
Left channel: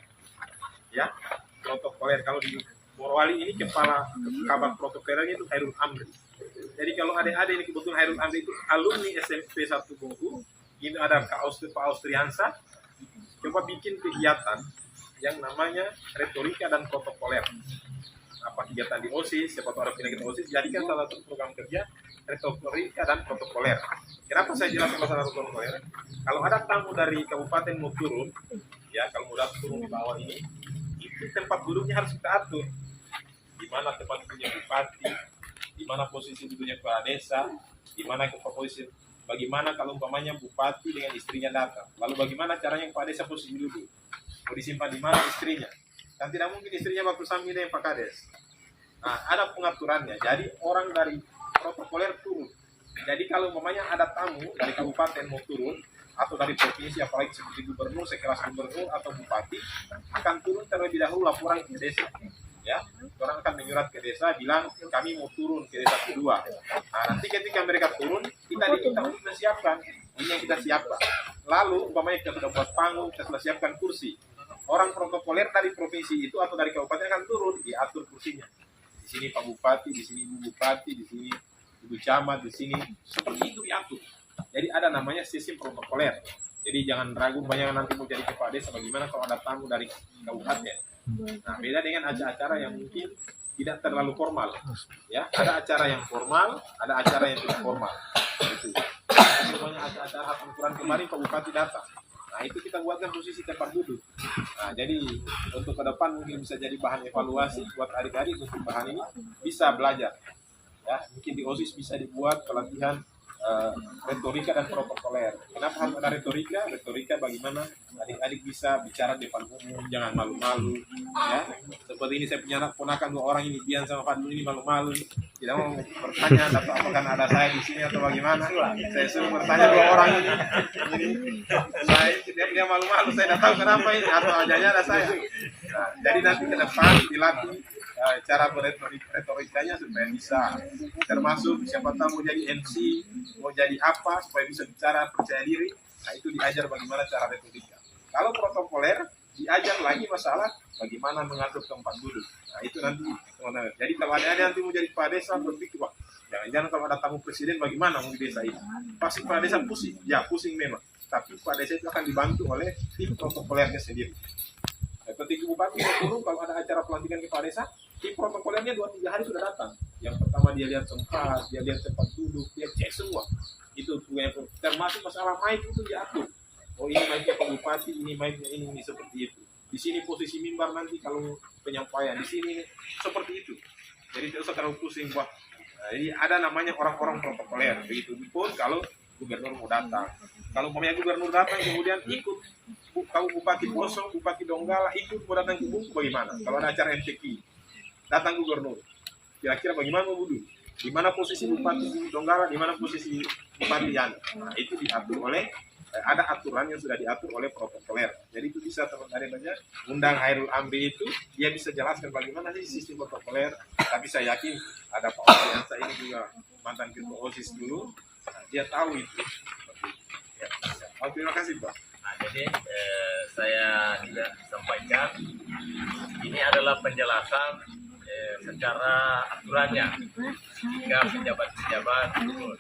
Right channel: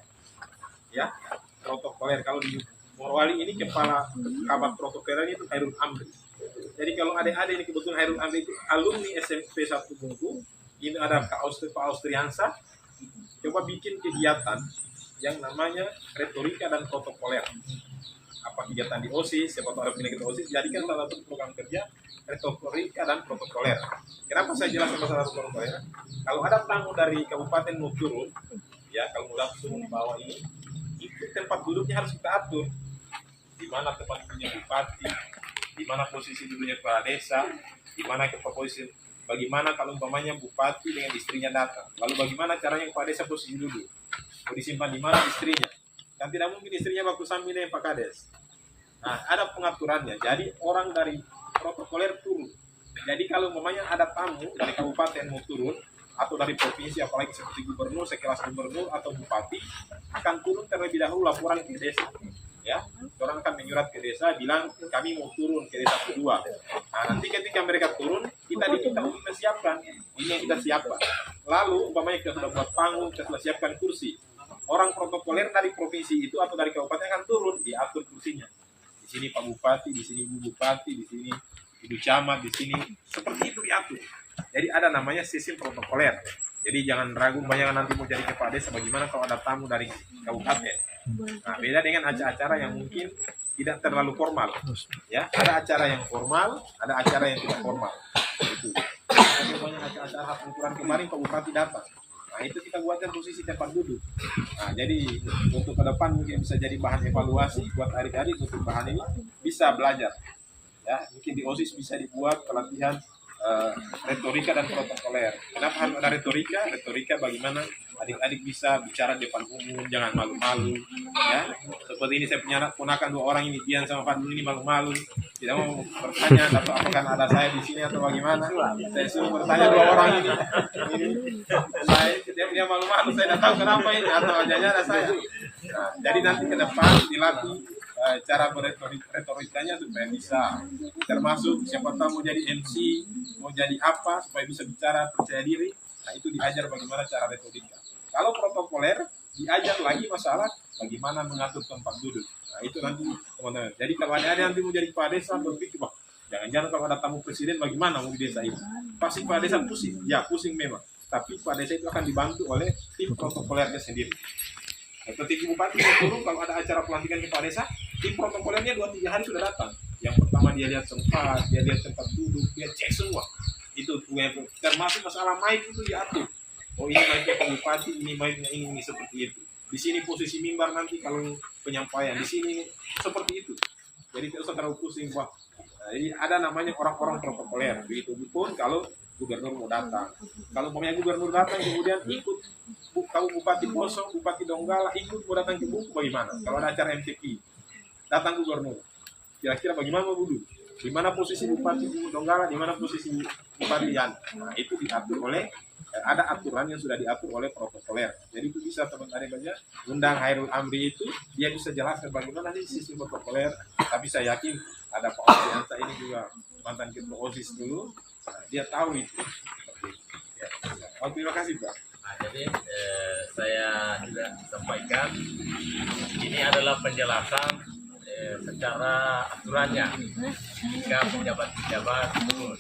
Ya, protokoler. Kalau di Morowali ini kepala kabak protokolernya itu Hairul Amri. Jadi kalau adik-adik ini kebetulan Hairul Amri itu alumni SMP 1 Bungku, ini ada Pak Austriansa, coba bikin kegiatan yang namanya retorika dan protokoler. Apa kegiatan di OSIS, siapa tahu ada penyakit OSIS, jadikan salah satu program kerja retorika dan protokoler. Kenapa saya jelaskan masalah protokoler? Kalau ada tamu dari kabupaten mau turun, ya kalau mau turun di bawah ini, itu tempat duduknya harus kita atur. Di mana tempat duduknya bupati, di mana posisi duduknya kepala desa, di mana posisi, bagaimana kalau umpamanya bupati dengan istrinya datang, lalu bagaimana caranya kepala desa posisi duduk, mau disimpan di mana istrinya, kan tidak mungkin istrinya waktu sambil dengan Pak Kades. Nah, ada pengaturannya. Jadi orang dari protokoler turun. Jadi kalau umpamanya ada tamu dari kabupaten mau turun atau dari provinsi, apalagi seperti gubernur, sekelas gubernur atau bupati, akan turun terlebih dahulu laporan ke desa. Ya, orang akan menyurat ke desa bilang kami mau turun ke desa kedua. Nah, nanti ketika mereka turun, kita diminta untuk menyiapkan ini yang kita siapkan. Lalu umpamanya kita sudah buat panggung, kita sudah siapkan kursi. Orang protokoler dari provinsi itu atau dari kabupaten akan turun, diatur kursinya. Di sini Pak Bupati, di sini Ibu Bupati, di sini Ibu Camat, di sini seperti itu diatur. Jadi ada namanya sistem protokoler. Jadi jangan ragu banyak nanti mau jadi kepala desa bagaimana kalau ada tamu dari kabupaten. Nah, beda dengan acara-acara yang mungkin tidak terlalu formal. Ya, ada acara yang formal, ada acara yang tidak formal. Itu. semuanya acara pengukuran kemarin Pak Bupati datang. Nah itu kita buatkan posisi tempat duduk. Nah jadi untuk ke depan mungkin bisa jadi bahan evaluasi buat adik-adik untuk bahan ini bisa belajar. Ya mungkin di OSIS bisa dibuat pelatihan retorika dan protokoler. Kenapa harus ada retorika? Retorika bagaimana adik-adik bisa bicara di depan umum, jangan malu-malu. Ya, seperti ini saya punya ponakan 2 orang ini, Bian sama Fadlul ini malu-malu, tidak mau bertanya atau apakah ada saya di sini atau bagaimana. Saya suruh bertanya 2 orang ini dia malu-malu, saya tidak tahu kenapa ini atau hanya ada saya. Nah, jadi nanti ke depan dilatih cara retorikanya supaya bisa, termasuk siapa tahu mau jadi MC, mau jadi apa supaya bisa bicara percaya diri. Nah itu diajar bagaimana cara retorika. Kalau protokoler diajar lagi masalah bagaimana mengatur tempat duduk. Nah itu nanti teman-teman. Jadi kalau ada nanti mau jadi kepala desa berpikir, wah jangan-jangan kalau ada tamu presiden bagaimana mau di desa ini. Pasti kepala desa pusing, ya pusing memang. Tapi kepala desa itu akan dibantu oleh tim protokolernya sendiri. Ketika bupati mau turun, kalau ada acara pelantikan kepala desa, tim protokolernya 2-3 hari sudah datang. Yang pertama dia lihat tempat, dia lihat tempat duduk, dia cek semua. Itu termasuk masalah mic itu diatur. Oh ini mic-nya Pak Bupati, ini mic-nya ini seperti itu. Di sini posisi mimbar nanti kalau penyampaian, di sini seperti itu. Jadi tidak usah terlalu pusing, wah. Jadi ada namanya orang-orang protokoler. Begitu pun kalau gubernur mau datang. Kalau umpamanya gubernur datang kemudian ikut kalau Bupati Poso, Bupati Donggala ikut mau datang ke Bungku bagaimana? Kalau ada acara MTQ, datang gubernur. Kira-kira bagaimana mau duduk? Di mana posisi Bupati Donggala, di mana posisi Bupati Yan? Nah, itu diatur oleh ada aturan yang sudah diatur oleh protokoler. Jadi itu bisa teman-teman baca undang Hairul Amri itu dia bisa jelaskan bagaimana sih sistem protokoler. Tapi saya yakin ada Pak Oziansa ini juga mantan ketua OSIS dulu. Nah, dia tahu itu. Ya, oh, terima kasih Pak. Nah, jadi saya juga sampaikan ini adalah penjelasan secara aturannya jika pejabat-pejabat turun.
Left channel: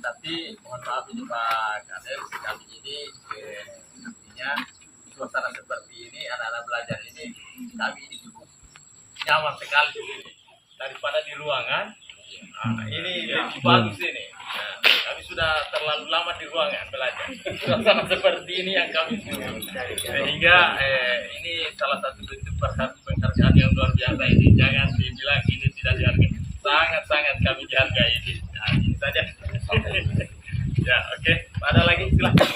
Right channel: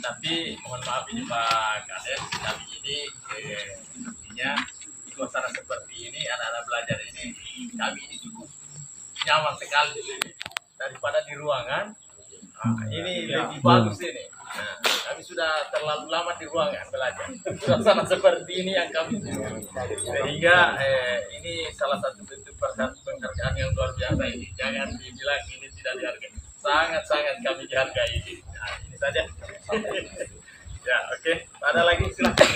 Tapi mohon maaf ini Pak Kades, kami ini artinya suasana seperti ini, anak-anak belajar ini, kami ini cukup nyaman sekali di sini daripada di ruangan. Nah, ini lebih bagus ini. Nah, kami sudah terlalu lama di ruangan belajar. Suasana seperti ini yang kami sehingga ini salah satu bentuk penghargaan yang luar biasa ini. Jangan dibilang ini tidak dihargai. Sangat-sangat kami dihargai ini. Nah, ini saja. Ya, oke. Ada lagi silakan.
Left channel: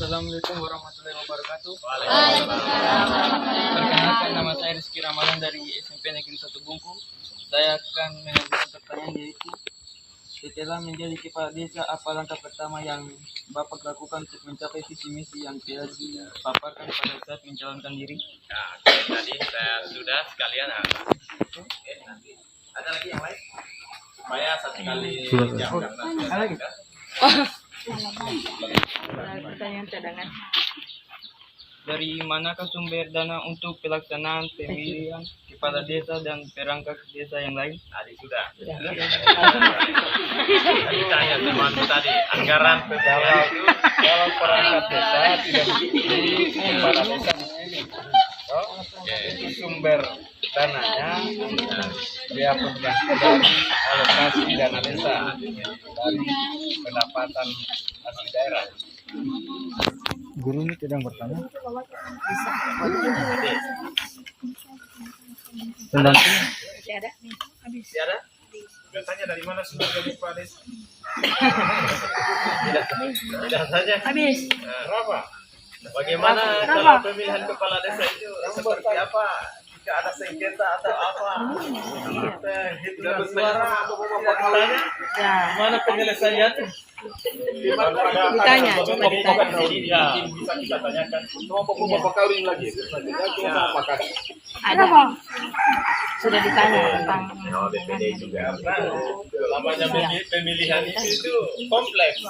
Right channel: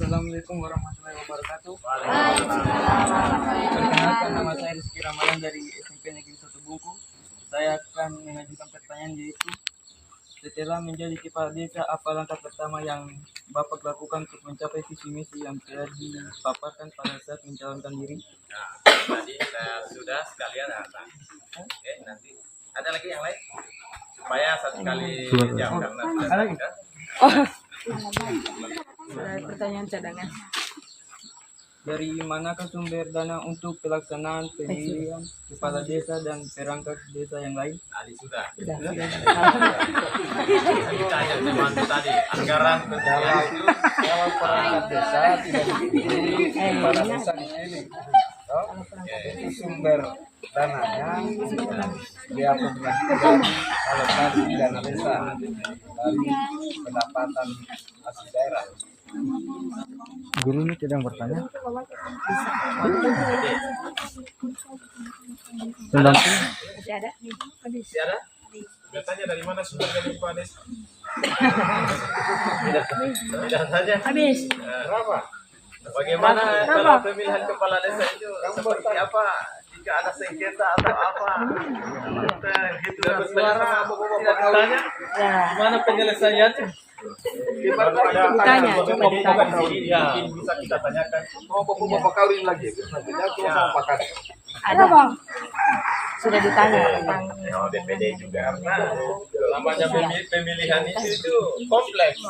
Assalamualaikum warahmatullahi wabarakatuh. Waalaikumsalam. Perkenalkan, nama saya Rizky Ramadan dari SMP Negeri 1 Bungku. Saya akan mengajukan pertanyaan yaitu, setelah menjadi kepala desa, apa langkah pertama yang Bapak lakukan untuk mencapai visi misi yang telah dipaparkan pada saat mencalonkan diri? Nah, tadi saya sudah sekalian apa? Oke, nanti ada lagi yang lain supaya satu kali jam karena sudah. Pertanyaan cadangan. Dari manakah sumber dana untuk pelaksanaan pemilihan kepala desa dan perangkat desa yang lain? Tadi sudah. Tadi tanya teman tadi anggaran pemilihan itu Kalau perangkat desa tidak dipilih kepala desa dipilih. Itu sumber dananya dia punya dari alokasi dana desa dari pendapatan asli daerah. Guru ini tidak bertanya. Pendamping. masih ada? Bertanya dari mana sumber dari kepala desa? Tidak saja. Habis. Berapa? Bagaimana kalau pemilihan kepala desa itu seperti apa? Jika ada sengketa atau apa? Kita hitung suara. Tidak ditanya. Gimana penyelesaiannya? Ditanya, coba ditanya. Ya, bisa kita tanyakan. Mau bapak kawin lagi? Selanjutnya cuma apa kan? Ada bang. Sudah ditanya tentang DPD juga. Namanya pemilihan itu kompleks.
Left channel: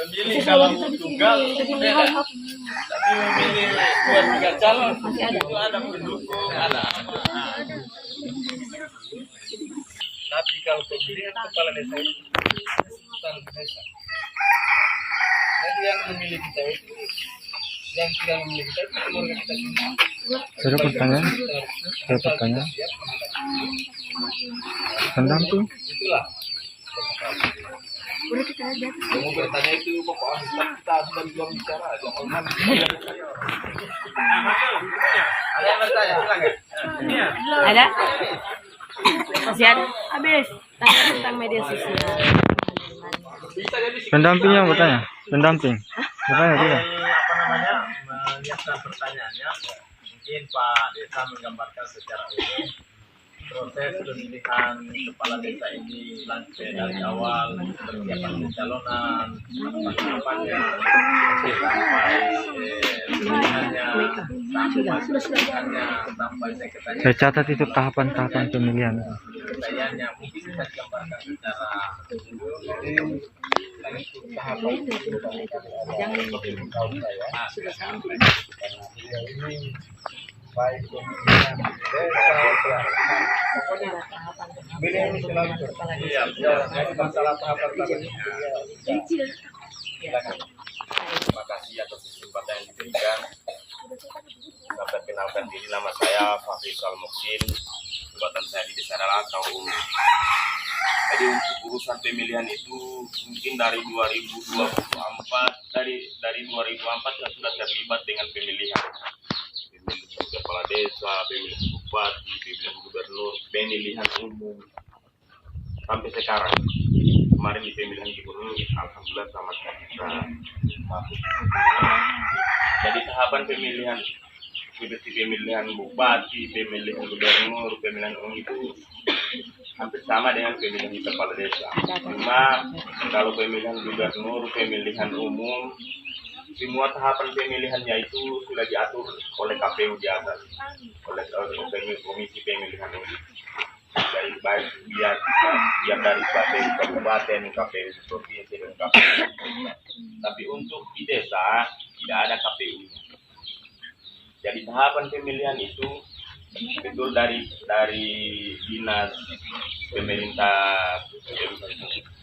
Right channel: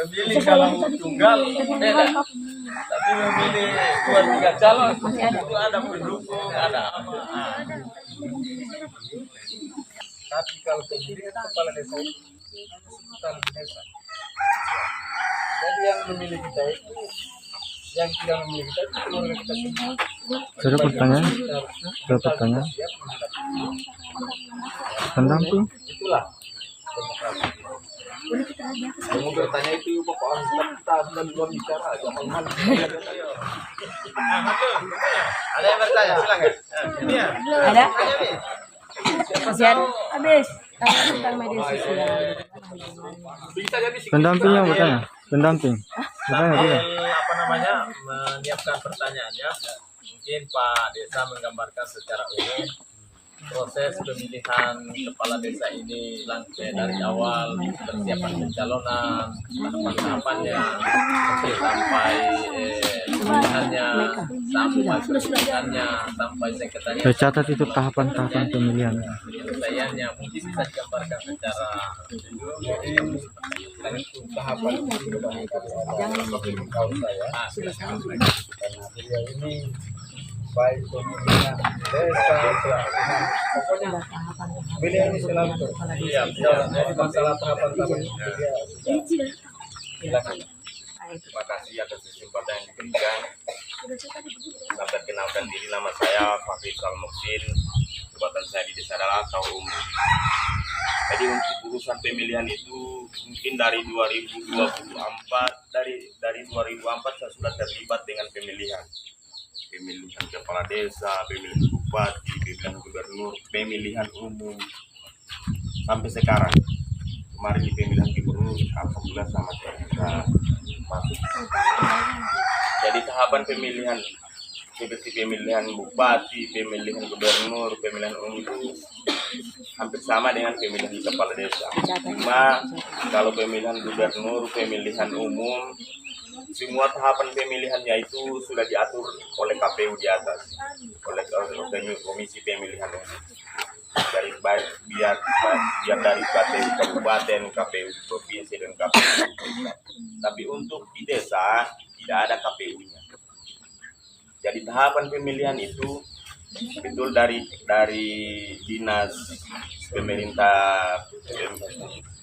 Memilih kalau tunggal beda. Tapi memilih 2-3 calon itu ada pendukung, ada apa. Tapi kalau pemilihan kepala desa itu sultan desa. Jadi yang memilih kita itu, yang tidak memilih kita itu keluarga kita semua. Ada pertanyaan? Ada pertanyaan? Pendamping. Itulah demokrasi. Kamu bertanya itu pokok kita sudah juga bicara jangan mana. Ada yang bertanya, silakan. Ada? Masih ada? Habis. Tanya tentang media sosial. Pendamping yang bertanya. Pendamping. Bertanya tidak? Apa namanya, menyiapkan pertanyaannya. Mungkin Pak Desa menggambarkan secara umum proses pemilihan kepala desa ini dari awal persiapan pencalonan, tahapan-tahapannya, sampai pemilihannya, sampai pemilihannya, sampai sekretariat. Saya catat itu tahapan-tahapan pemilihan. Penyelesaiannya mungkin bisa digambarkan secara Tahapan itu barangkali ada kaum saya karena beliau ini baik pemilihan desa, pokoknya beliau ini selalu jadi masalah tahapan tadi Silakan. Terima kasih atas kesempatan yang diberikan. Saya perkenalkan diri, nama saya Fahri Salmuksin. Jabatan saya di Desa adalah Kaum Umum. Jadi untuk urusan pemilihan itu mungkin dari 2024 dari 2004 saya sudah terlibat dengan pemilihan kepala desa, pemilihan bupati, pemilihan gubernur, pemilihan umum sampai sekarang. Kemarin di pemilihan gubernur, alhamdulillah sama saya bisa masuk. Jadi tahapan pemilihan seperti pemilihan bupati, pemilihan gubernur, pemilihan umum itu hampir sama dengan pemilihan kepala desa. Cuma kalau pemilihan gubernur, pemilihan umum, semua tahapan pemilihannya itu sudah diatur oleh KPU di atas, oleh komisi pemilihan umum. Dari biar dari KPU kabupaten, KPU provinsi dan KPU pusat. Tapi untuk di desa tidak ada KPU-nya. Jadi tahapan pemilihan itu betul dari dinas pemerintah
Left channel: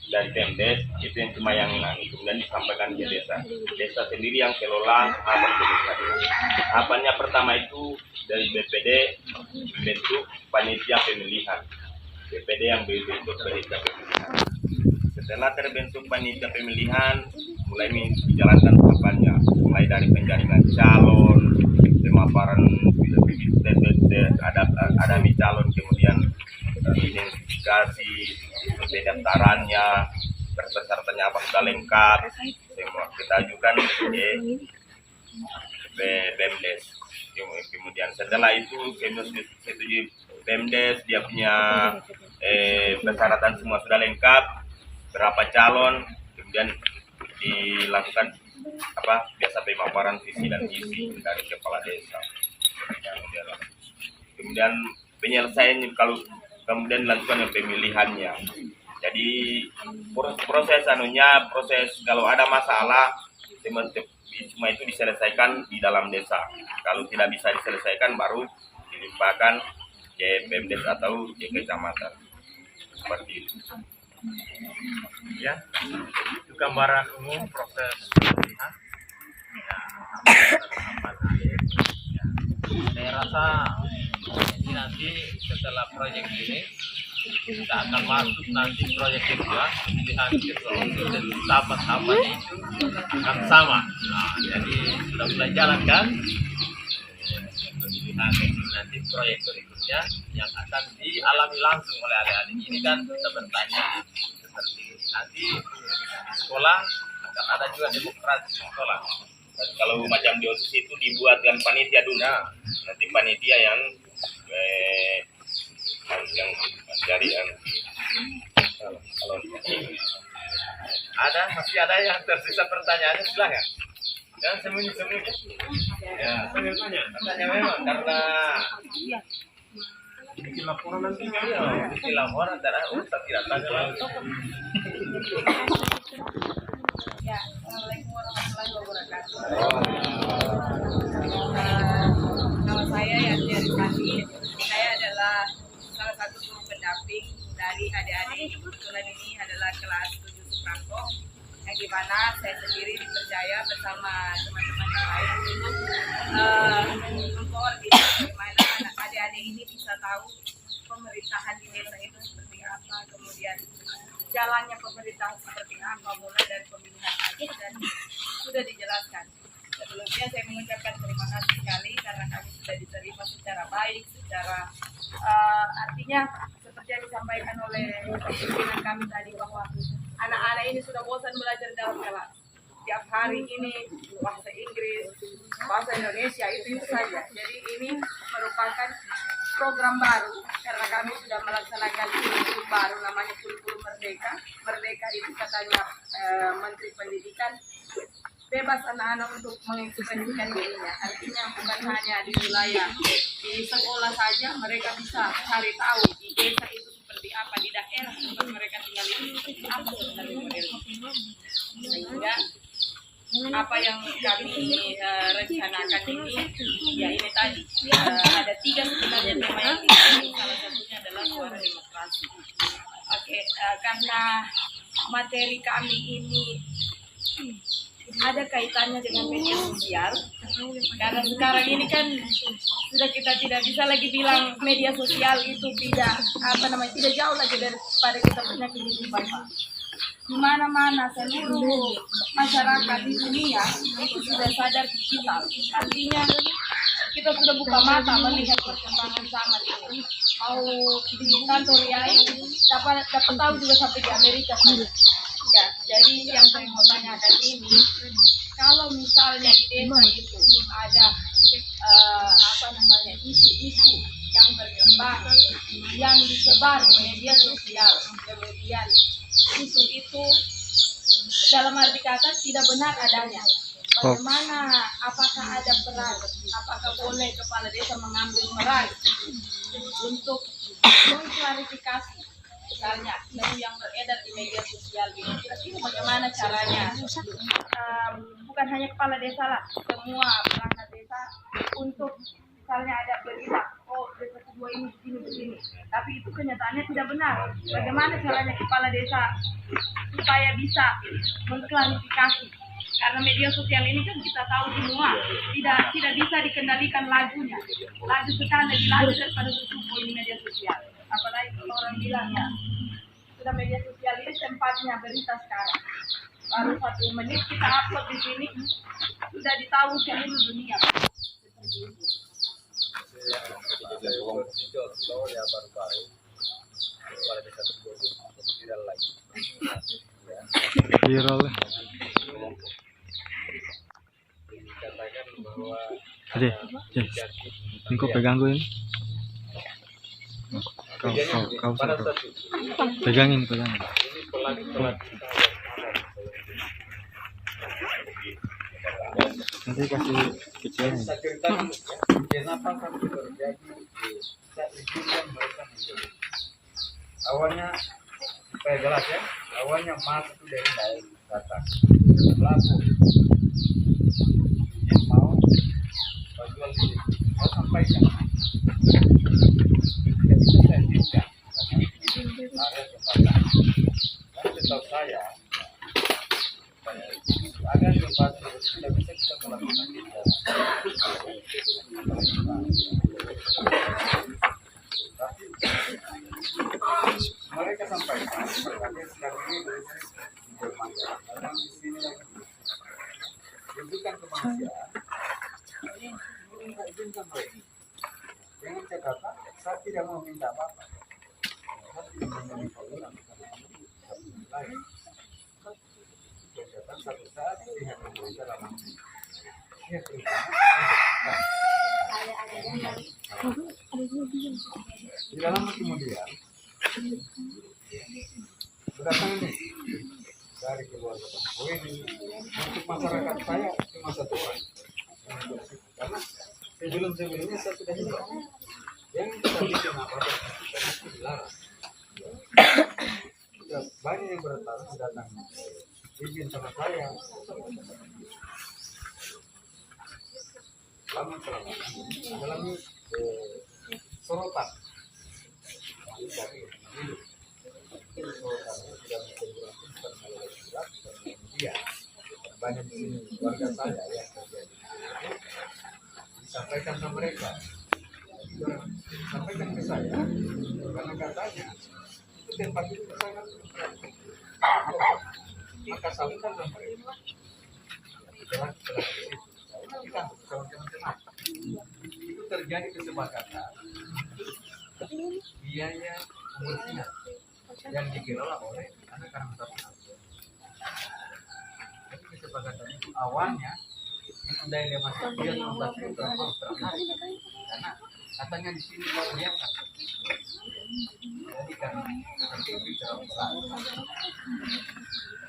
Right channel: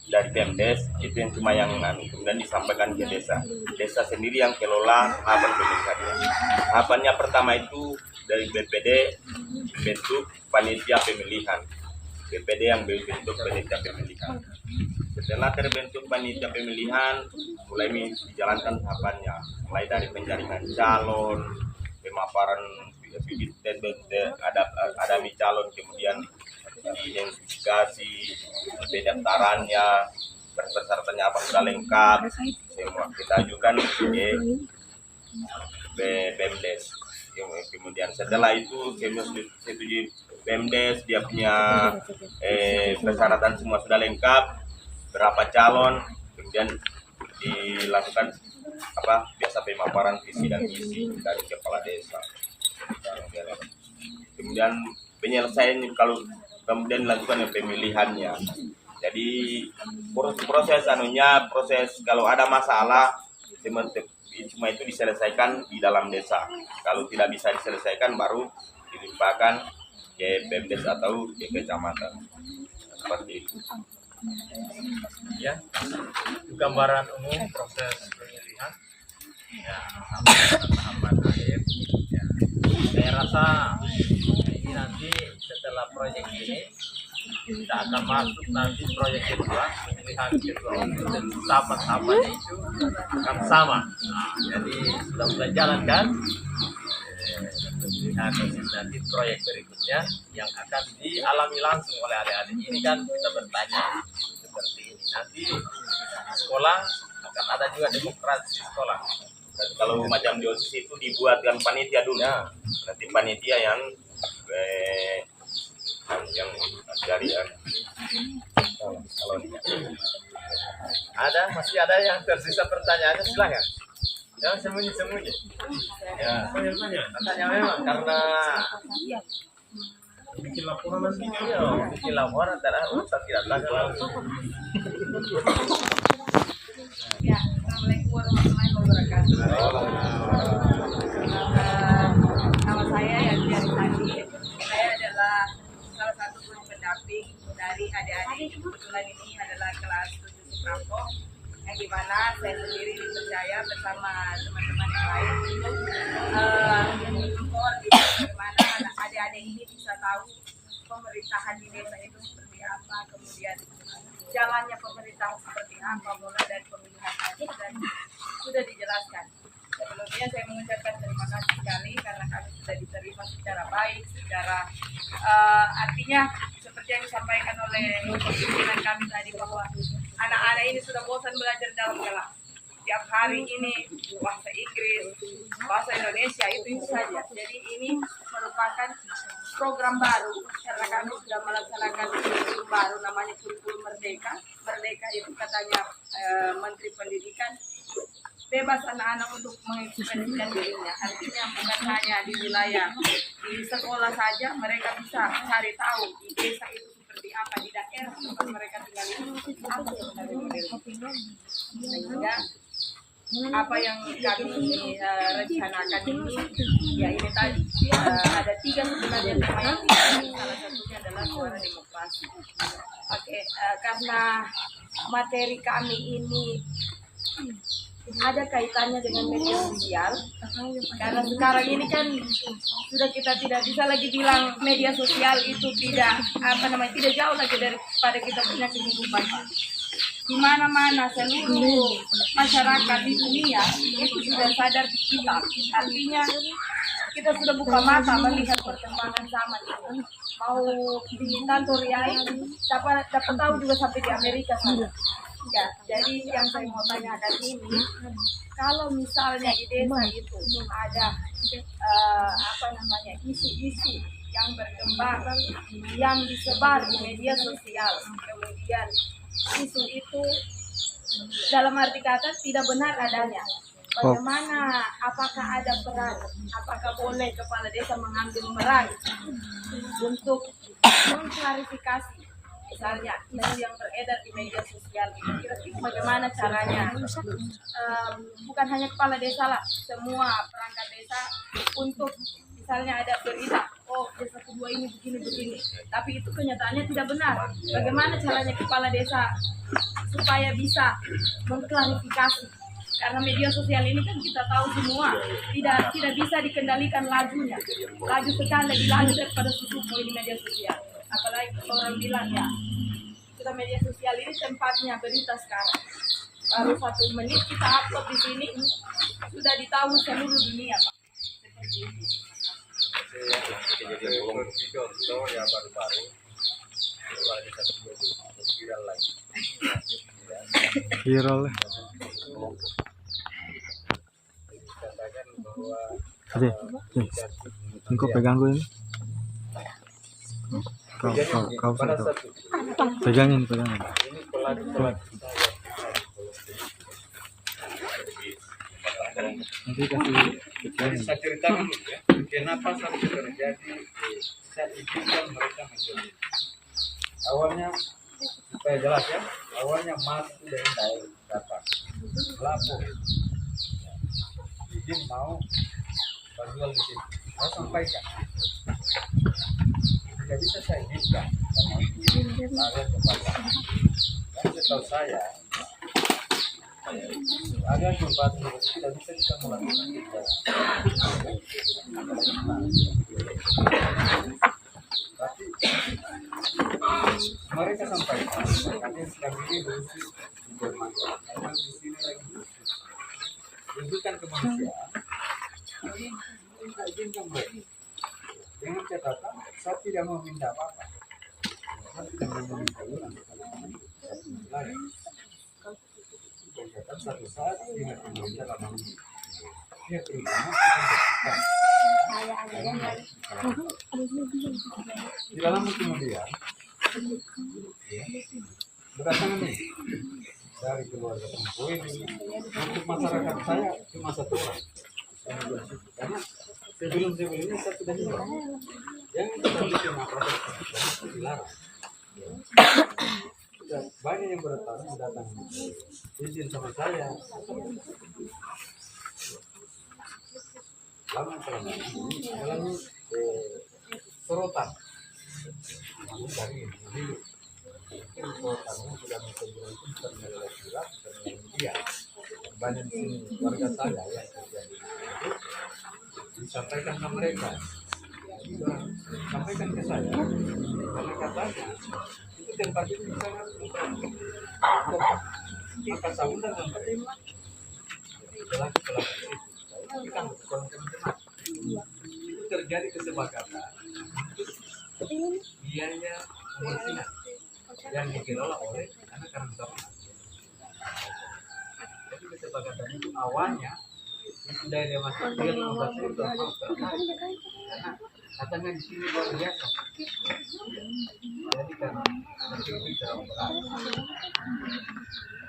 dari Pemdes itu yang cuma yang kemudian disampaikan ke desa. Desa sendiri yang kelola tahapan pemilihan. Tahapannya pertama itu dari BPD bentuk panitia pemilihan. BPD yang bentuk panitia pemilihan. Setelah terbentuk panitia pemilihan, mulai dijalankan tahapannya, mulai dari penjaringan calon, pemaparan bibit ada calon, kemudian identifikasi, pendaftarannya, persyaratannya apa sudah lengkap, semua kita ajukan ke Pemdes. Kemudian setelah itu setujui Pemdes, dia punya persyaratan semua sudah lengkap, berapa calon, kemudian dilakukan biasa pemaparan visi dan misi dari kepala desa. Kemudian penyelesaian kemudian dilakukan yang pemilihannya. Jadi proses kalau ada masalah cuma itu diselesaikan di dalam desa. Kalau tidak bisa diselesaikan baru dilimpahkan ke Pemdes atau ke kecamatan. Seperti itu. Ya, itu gambaran umum proses pemilihan. Ya, sampai tahapan akhir. Ya. Saya rasa ini nanti setelah proyek ini kita akan masuk nanti proyek kedua, pemilihan ketua umum, dan tahapan-tahapan itu akan sama. Nah, jadi sudah mulai jalan kan pemilihan nanti proyek berikutnya yang akan dialami langsung oleh adik-adik. Ini kan kita bertanya seperti ini. Nanti di sekolah akan ada juga demokrasi di sekolah. Dan kalau macam di OSIS itu dibuatkan panitia dulu. Nanti panitia yang dari masih ada yang tersisa pertanyaannya, silakan. Jangan sembunyi-sembunyi. Ya, tanya memang karena bikin laporan nanti. Iya, bikin laporan antara tak tidak tanya langsung. Ya, Assalamualaikum warahmatullahi wabarakatuh. Nama saya Yanti Arisandi. Saya adalah salah satu guru pendamping dari adik-adik. Kebetulan ini adalah kelas 7 Suprapto, yang dimana saya sendiri dipercaya bersama teman-teman yang lain untuk mengkoordinir bagaimana adik-adik ini bisa tahu pemerintahan di desa itu seperti apa, kemudian jalannya pemerintahan seperti apa, mulai dari pemilihan akhir dan sudah dijelaskan. Sebelumnya saya mengucapkan terima kasih sekali karena kami sudah diterima secara baik, secara artinya seperti yang disampaikan oleh pimpinan kami tadi bahwa anak-anak ini sudah bosan belajar dalam kelas. Tiap hari ini bahasa Inggris, bahasa Indonesia itu saja. Jadi ini merupakan program baru karena kami sudah melaksanakan kurikulum baru namanya kurikulum Merdeka. Merdeka itu katanya Menteri Pendidikan bebas anak-anak untuk mengekspresikan dirinya. Artinya bukan hanya di wilayah di sekolah saja, mereka bisa cari tahu di desa itu seperti apa, di daerah tempat mereka tinggal itu seperti apa sebenarnya modelnya. Sehingga apa yang kami rencanakan ini, ya ini tadi ada 3 sebenarnya tema yang dipilih, salah satunya adalah suara demokrasi. Oke, karena materi kami ini ada kaitannya dengan media sosial, karena sekarang ini kan sudah kita tidak bisa lagi bilang media sosial itu tidak tidak jauh lagi daripada kita punya kehidupan. Di mana-mana seluruh masyarakat di dunia itu sudah sadar digital. Artinya kita sudah buka mata melihat perkembangan zaman ini. Mau di kantor YAI dapat tahu juga sampai di Amerika sana. Ya, jadi yang saya mau tanyakan ini, kalau misalnya di desa itu ada isu-isu yang berkembang, yang disebar di media sosial, kemudian isu itu dalam arti kata tidak benar adanya. Bagaimana, apakah ada peran, apakah boleh kepala desa mengambil peran untuk mengklarifikasi misalnya isu yang beredar di media sosial ini, kira-kira bagaimana caranya? Bukan hanya kepala desa lah, semua perangkat desa untuk misalnya ada berita, oh desa kedua ini begini-begini, tapi itu kenyataannya tidak benar. Bagaimana caranya kepala desa supaya bisa mengklarifikasi? Karena media sosial ini kan kita tahu semua tidak bisa dikendalikan lajunya. Laju sekali lebih laju daripada susupo ini media sosial. Apalagi kalau orang bilang ya sudah media sosial ini tempatnya berita sekarang. Baru 1 menit kita upload di sini sudah ditahu seluruh dunia. Seperti itu. Contoh ya baru-baru kepala desa kedua itu viral lagi. Viral. Dikatakan bahwa ini kok pegang gue ini. Kau pada saat itu pegangin. ini pelatih Nanti kasih kecilin. saya ceritakan ya, kenapa sampai terjadi saya izinkan mereka menjadi awalnya supaya jelas ya, awalnya masuk dari datang lapor izin mau jual di situ, saya sampaikan tidak bisa saya izinkan karena area jembatan dan setahu saya area jembatan itu tidak bisa kita melakukan kita tapi mereka sampaikan makanya sekarang ini berusia di Jerman memang di sini lagi rujukan kemanusiaan minta izinkan mereka dengan catatan saya tidak mau minta apa-apa, saya tidak mau minta ulang satu wilayah dan catatan satu saat pihak pemerintah dalam pihak perhutanan akan bersikap di dalam kemudian berdatangan nih dari keluarga Tempo ini untuk masyarakat saya cuma 1 orang karena sebelumnya saya sudah himbau jangan kita bikin apa-apa karena itu dilarang. Sudah banyak yang datang izin sama saya lama-lama ini mengalami sorotan dari hidup. Sorotannya tidak menunjukkan bukan melalui surat, bukan melalui media. Banyak di sini warga saya yang terjadi itu disampaikan ke mereka. Jadi orang sampaikan ke saya karena katanya itu tempat itu sangat maka saya undang mereka pelaku-pelaku itu. Nanti kan teman-teman itu terjadi kesepakatan biaya pembersihan yang dikelola oleh anak Karang Taruna. Jadi kesepakatan itu awalnya itu daya masuk dia 15.000 mau tertarik karena katanya di sini luar biasa. Jadi kan nanti bicara berat.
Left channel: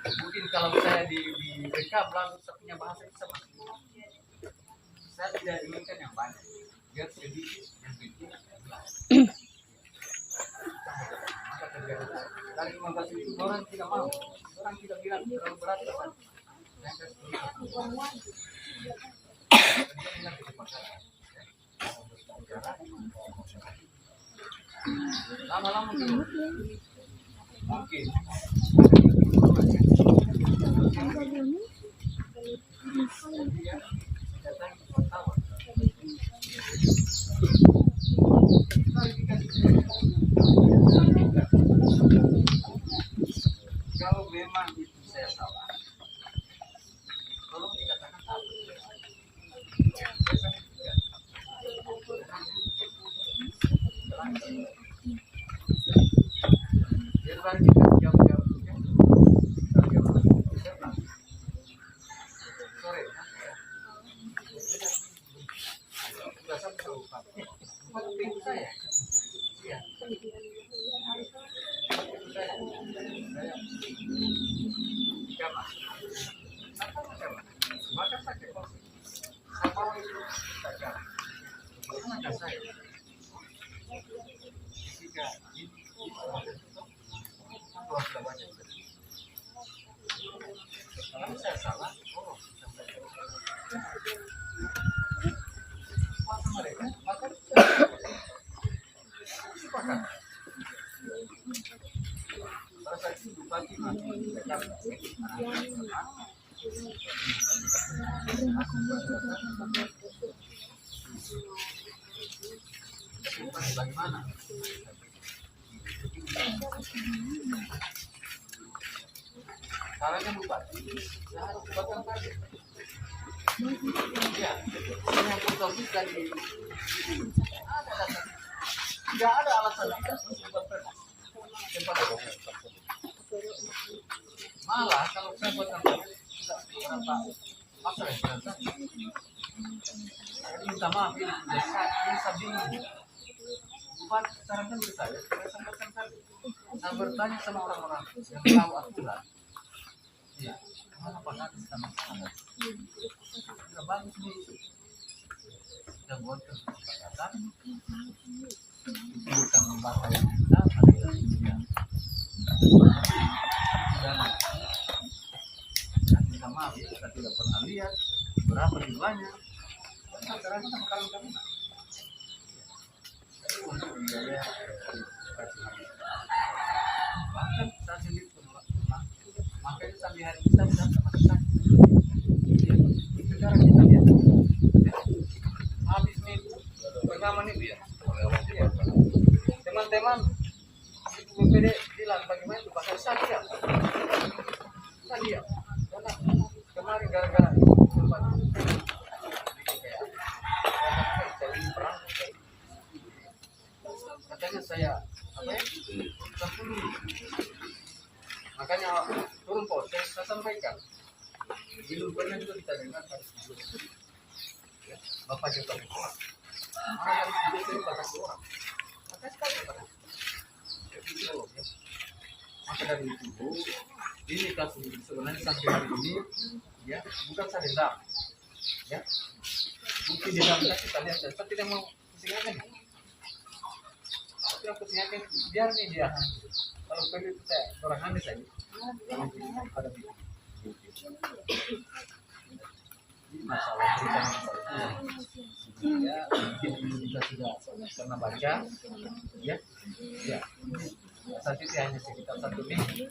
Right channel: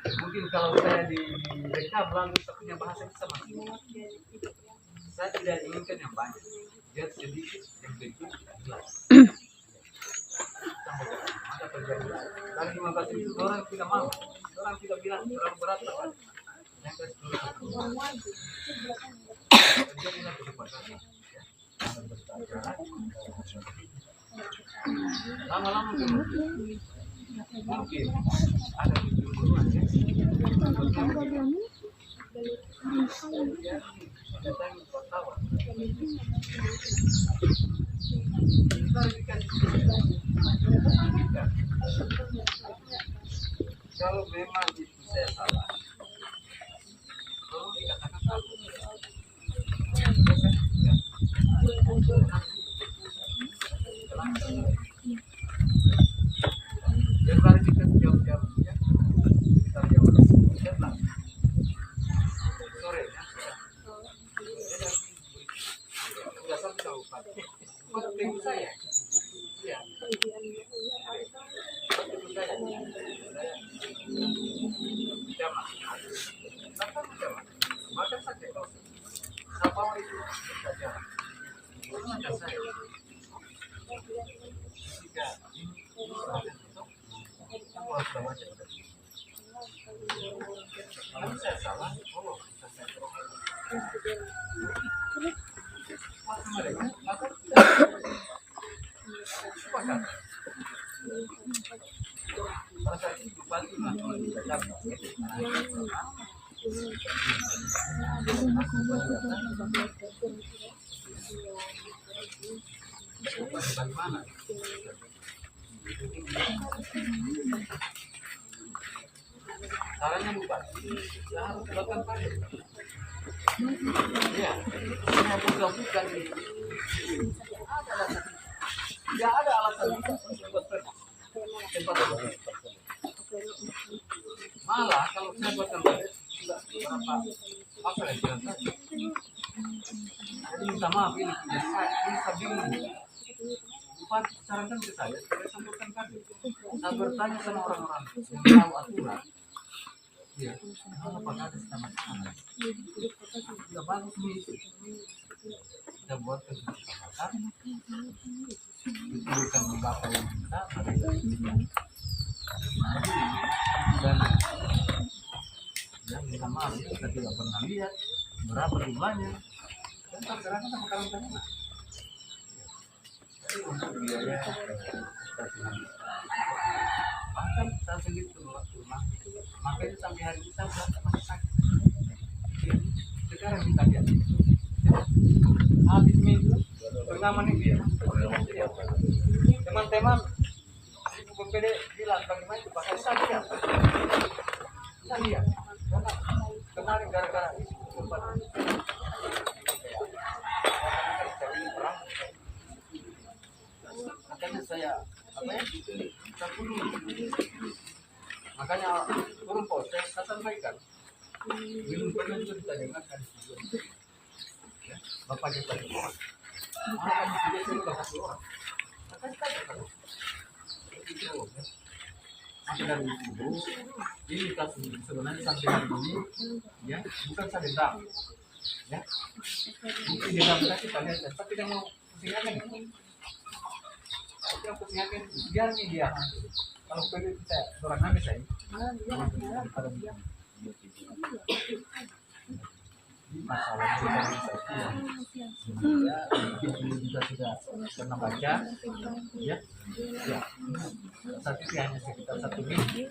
Mungkin kalau saya direkam langsung saya punya bahasa itu sama. Saya tidak inginkan yang banyak, biar sedikit yang kecil jelas. Maka terjadi dari 15.000 orang tidak mau, orang tidak bilang terlalu berat kan. Yang kasih dulu terjadilah kesepakatan. Lama-lama mungkin kalau memang itu saya salah, tolong dikatakan salah. Biar hari kita jam-jam ya, sekitar jam 11 sore ya. Sudah sampai ke bupati. Bupati tunggu saya. Iya. Tunggu saya. Saya jamak. Sampai jamak. Maka saya kok apa itu saja. Mana saya? Jika ini aku harus baca. Kalau saya salah, oh, masa mereka, maka sepakat. Pada saat itu bupati masuk di Jakarta, bagaimana? Caranya bupati, saya harus buatkan parkir. Ya, saya buka di. Ada alasan. Tidak ada alasan kita untuk buat perda. Tempat itu. Malah kalau saya buatkan parkir, tidak berapa pasal yang jalan saja. Jadi minta maaf ini saya bingung. Bupati sarankan ke saya supaya saya buatkan parkir. Saya bertanya sama orang-orang yang tahu aturan. Ya, apakah ada masalah? Sudah bagus nih. Kita buat kesepakatan. Itu bukan bapak yang kita, tapi kita. Dan minta maaf, kita tidak pernah lihat berapa jumlahnya. Dan tak terasa sama Karang Taruna. Jadi untuk biaya bahkan saya sendiri tolak rumah. Makanya sampai hari kita sudah masih sakit. Sekarang kita lihat. Habis minggu pengaman itu ya. Teman-teman Ibu BPD bilang bagaimana itu pakai sadia. Sadia. Karena kemarin gara-gara itu tempat perang. Makanya saya apa ya? Makanya turun pos saya sampaikan belum pernah juga kita dengarkan ya, bapak cepat orang malah kan tidak sering bapak orang maka sekali pada itu ya. Maka dari itu ini kasus sebenarnya sampai hari ini ya bukan saya dendam ya bukti dendam kita lihat tapi tidak mau pusingkan ya yang pusingkan biar nih dia kalau perlu itu saya orang habis saja pada bilang ini masalah berita itu ya mungkin ini juga sudah pernah baca ya saat itu hanya sekitar 1 minggu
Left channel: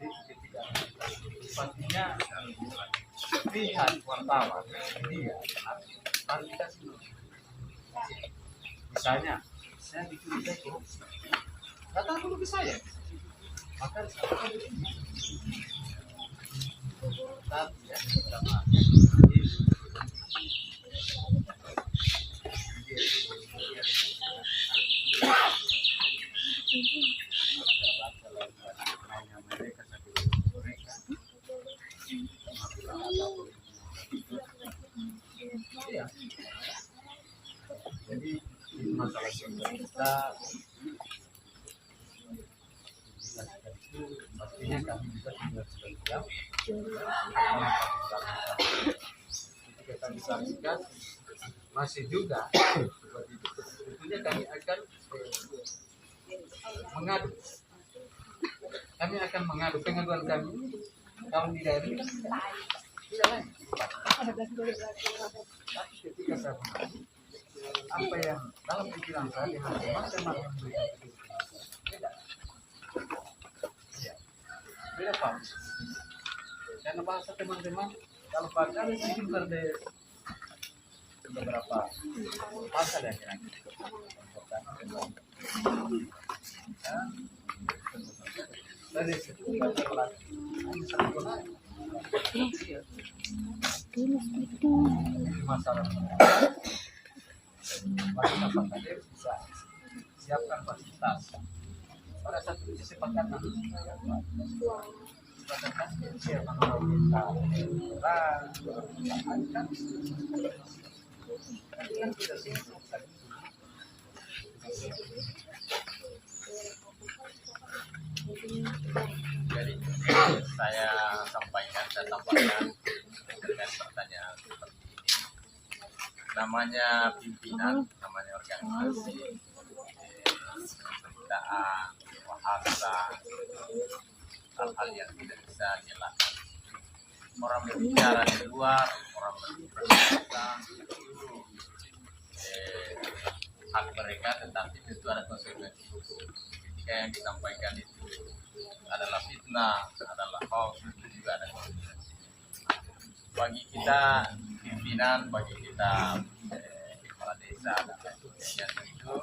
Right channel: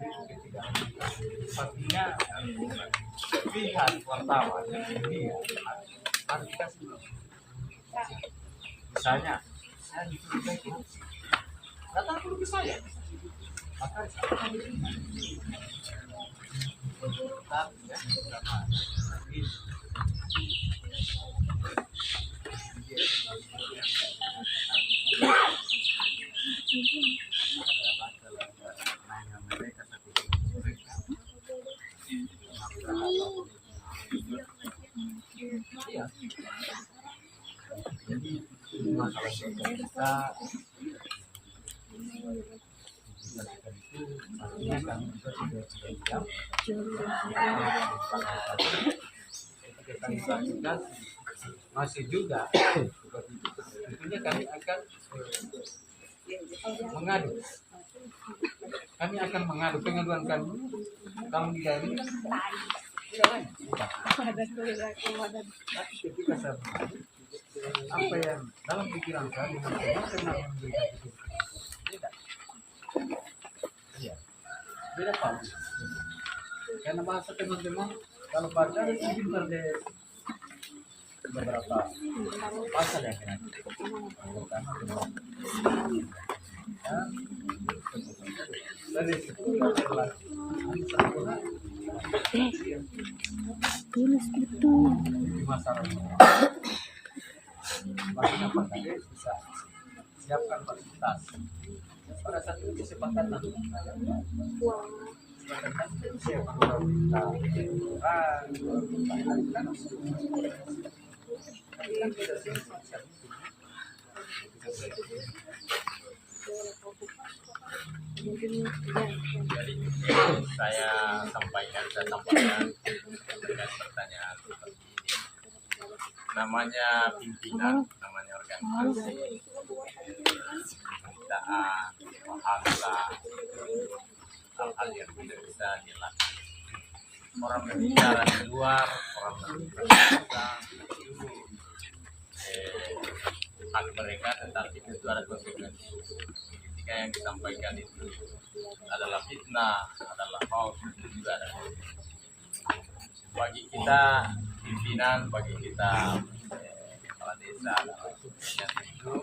jadi ketika pastinya pihak wartawan dia klarifikasi misalnya saya dicurigai korupsi datang dulu ke saya. Maka disampaikan begini. Tapi ya, sama. Mereka satu mereka. Iya. Jadi ini masalah kita itu pastinya kami juga sudah siap. Ketika kami klarifikasi masih juga seperti itu, tentunya kami akan mengadu. Kami akan mengadu pengaduan kami kalau di daerah ini kan tidak lain. Tapi ketika saya mengadu, apa yang dalam pikiran saya dengan teman-teman yang memberikan itu beda. Iya, beda paham. Karena bahasa teman-teman kalau baca ada sedikit berdes beberapa pasal yang kena pertama teman dan dari situ berlaku hanya satu hari. Iya. Di masyarakat bagi apa tadi bisa siapkan fasilitas pada saat itu kesepakatan siapa orang minta kan tidak simpel. Jadi saya tambahkan terkait pertanyaan seperti ini. Namanya pimpinan, namanya organisasi, pemberitaan, bahasa, hal-hal yang tidak bisa dilakukan. Orang berbicara di luar, orang berbicara itu hak mereka, tetapi tentu ada konsekuensi. Ketika yang disampaikan itu adalah fitnah, adalah hoax, itu juga ada konsekuensi. Bagi kita pimpinan, bagi kita kepala desa dan lain sebagainya, tentu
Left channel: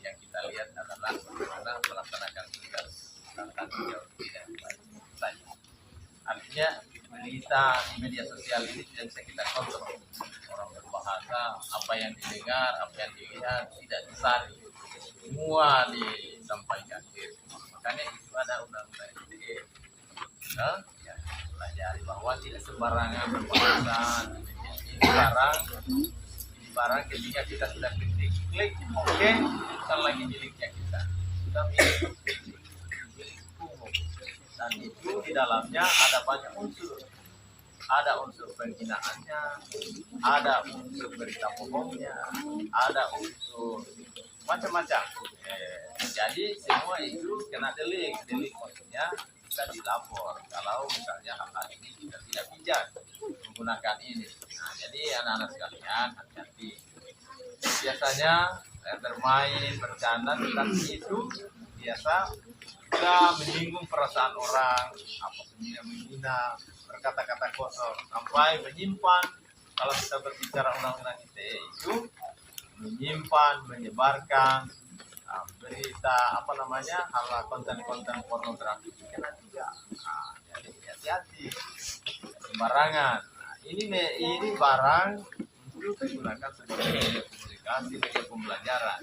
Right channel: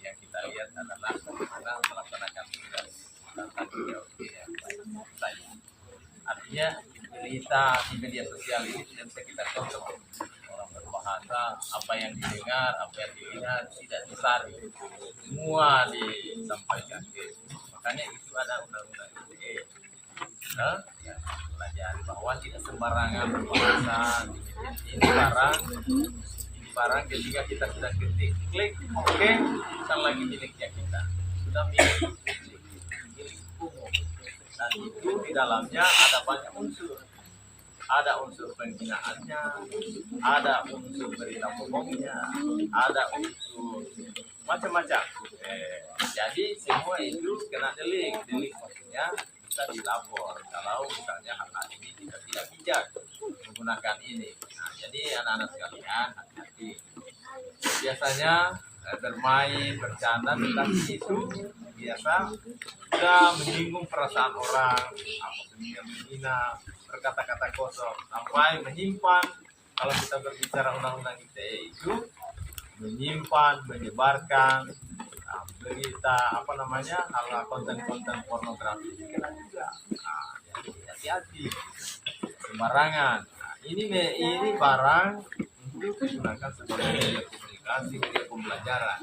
yang kita lihat adalah bagaimana melaksanakan tugas dan tanggung jawab yang baik saja. Artinya berita di media sosial ini tidak bisa kita kontrol. Orang berbahasa, apa yang didengar, apa yang dilihat tidak disaring, semua disampaikan. Makanya itu ada undang-undang ITE. Ya, pelajari bahwa tidak sembarangan berbahasa. Ini barang ketika kita sudah klik oke, bukan lagi miliknya kita, sudah milik umum. Dan itu di dalamnya ada banyak unsur. Ada unsur penghinaannya, ada unsur berita bohongnya, ada unsur macam-macam. Jadi semua itu kena delik maksudnya bisa dilapor kalau misalnya hal-hal ini kita tidak bijak menggunakan ini. Nah, jadi anak-anak sekalian hati-hati. Biasanya bermain, bercanda, tetapi itu biasa sudah menyinggung perasaan orang, menghina, berkata-kata kosong, sampai menyimpan. Kalau kita berbicara undang-undang ITE itu menyimpan, menyebarkan berita hal konten-konten pornografi kena juga. Nah, jadi hati-hati sembarangan. Nah, ini barang untuk digunakan sebagai media komunikasi, media pembelajaran.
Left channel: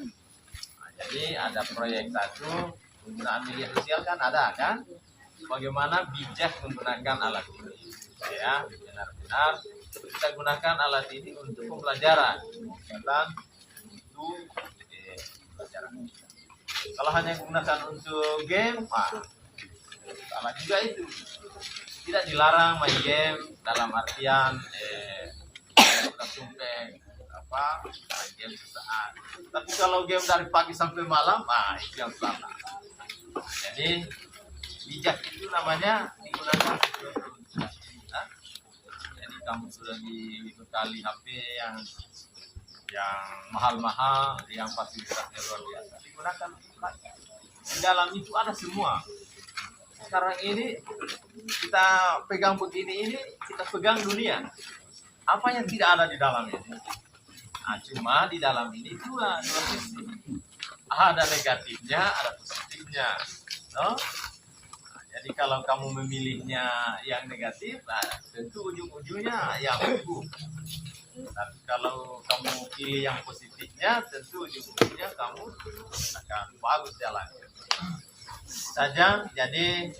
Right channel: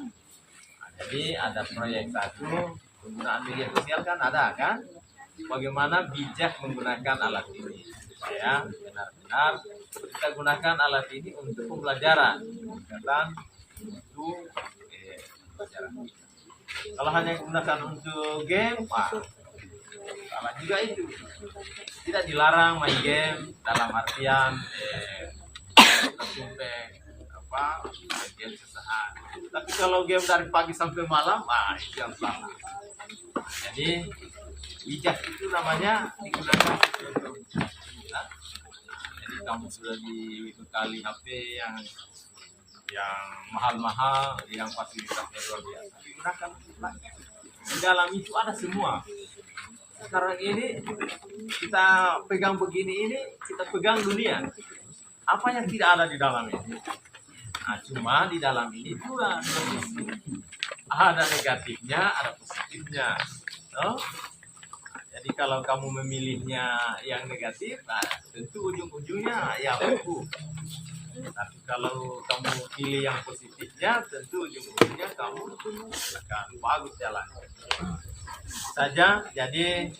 Nah, jadi ada proyek satu penggunaan media sosial kan ada kan? Bagaimana bijak menggunakan alat ini supaya benar-benar kita gunakan alat ini untuk pembelajaran, untuk pembelajaran kita. Kalau hanya gunakan untuk game, salah juga itu. Tidak dilarang main game dalam artian sumpah main game sesaat. Tapi kalau game dari pagi sampai malam, itu yang salah. Jadi bijak itu namanya digunakan untuk jadi kamu sudah dibekali HP yang mahal-mahal, yang fasilitasnya luar biasa, digunakan lagi. Di dalam itu ada semua. Sekarang ini kita pegang begini, ini kita pegang dunia. Apa yang tidak ada di dalam ini? Nah, cuma di dalam ini dua sisi. Ada negatifnya, ada positifnya. positifnya, no? Nah, jadi kalau kamu memilihnya yang negatif, nah, tentu ujung-ujungnya ya buruk. Tapi kalau kamu pilih yang positifnya, tentu ujung-ujungnya kamu akan bagus jalannya. Saja, jadi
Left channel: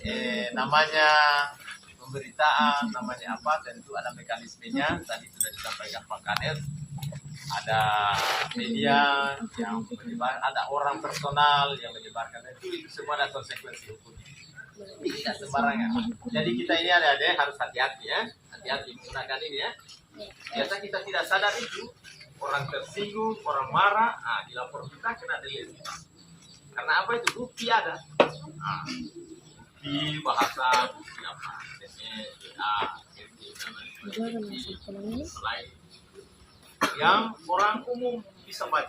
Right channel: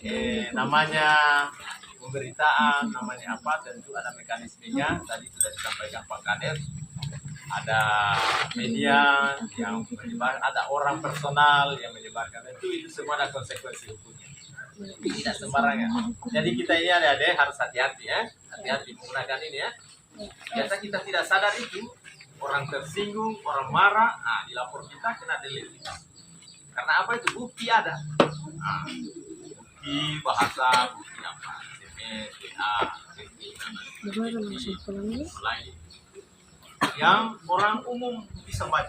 namanya pemberitaan, namanya apa, tentu ada mekanismenya. Tadi sudah disampaikan Pak Kades. Ada media yang menyebar, ada orang personal yang menyebarkan, itu semua ada konsekuensi hukumnya. Tidak sembarangan. Jadi kita ini adik-adik harus hati-hati ya, hati-hati menggunakan ini ya. Biasa kita tidak sadar itu, orang tersinggung, orang marah, dilapor kita kena delete. Karena apa itu? Bukti ada. Bukti bahasa, bukti apa? SMS, WA, lain yang orang umum bisa baca.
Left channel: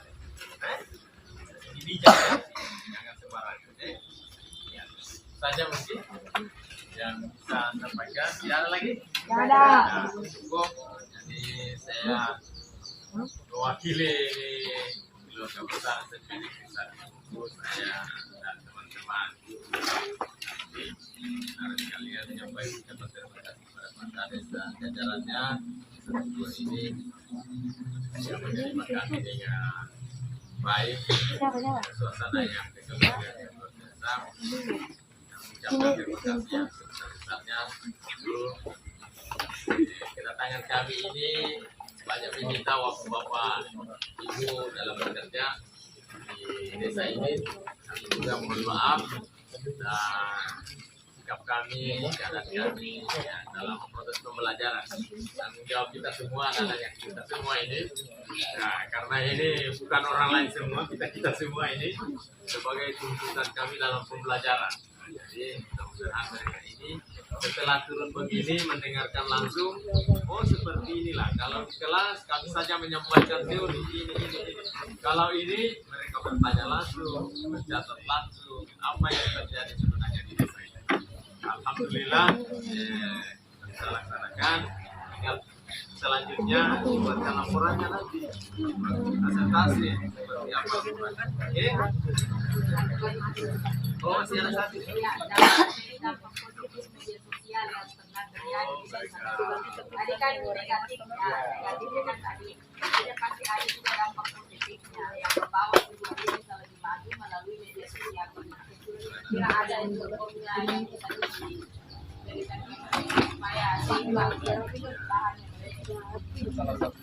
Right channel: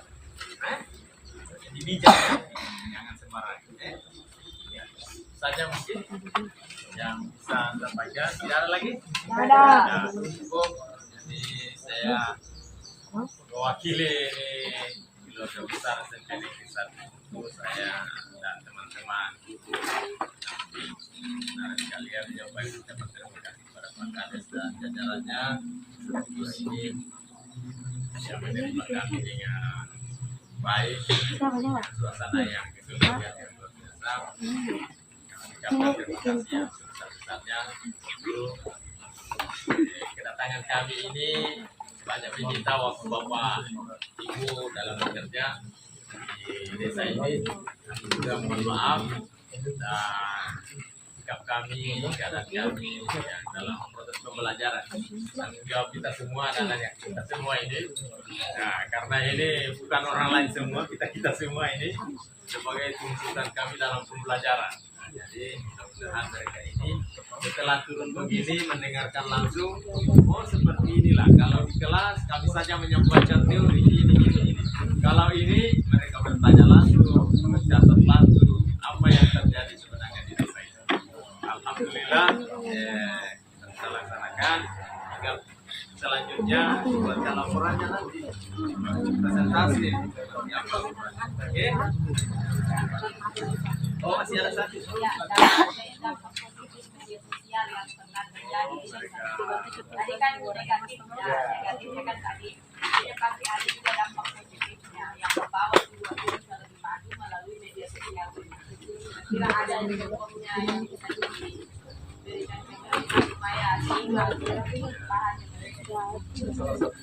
Jadi bijak ya, jangan sembarangan. Ya, saja mungkin yang bisa Anda baca. Tidak ada lagi? Tidak ada. Ya, cukup. Jadi saya mewakili keluarga besar SMP Negeri 1 saya dan teman-teman sekalian menyampaikan ucapan terima kasih kepada Pak Kades dan jajarannya ini yang menerima kami dengan baik, suasana yang kekeluargaan yang luar biasa. Kami ucapkan terima kasih yang sebesar-besarnya. Kedatangan kami ini banyak meminta waktu Bapak Ibu dalam bekerja di desa ini. Kami juga mohon maaf dan sikap kami, keadaan kami ya, dalam proses pembelajaran. Tanggung jawab kita semua adalah yang kita semua ini. Nah, karena ini bukan orang lain semua, kita semua ini sebagai tuntutan kami dalam pembelajaran. Jadi mudah-mudahan mereka ini setelah turun begini mendengarkan langsung, oh seperti inilah. Kalau di kelas kami saja menyampaikan teori ini. Kalau ini mereka bertanya langsung, mencatat langsung apa yang terjadi sebenarnya di desa ini. Alhamdulillah kita laksanakan. Tinggal selanjutnya buatkan laporannya nanti, presentasi seperti apa. Oke? Oh masih ada satu. Ya, dampak positif media sosial yang pernah terjadi di desa. Tadi kan negatifnya kan tadi. Jadi pasti ada juga dampak positifnya yang membawa sebuah desa lebih maju melalui media sosial. Kira ada reformnya yang bisa diberikan ke mereka supaya sehingga bahannya mereka. Salah satu.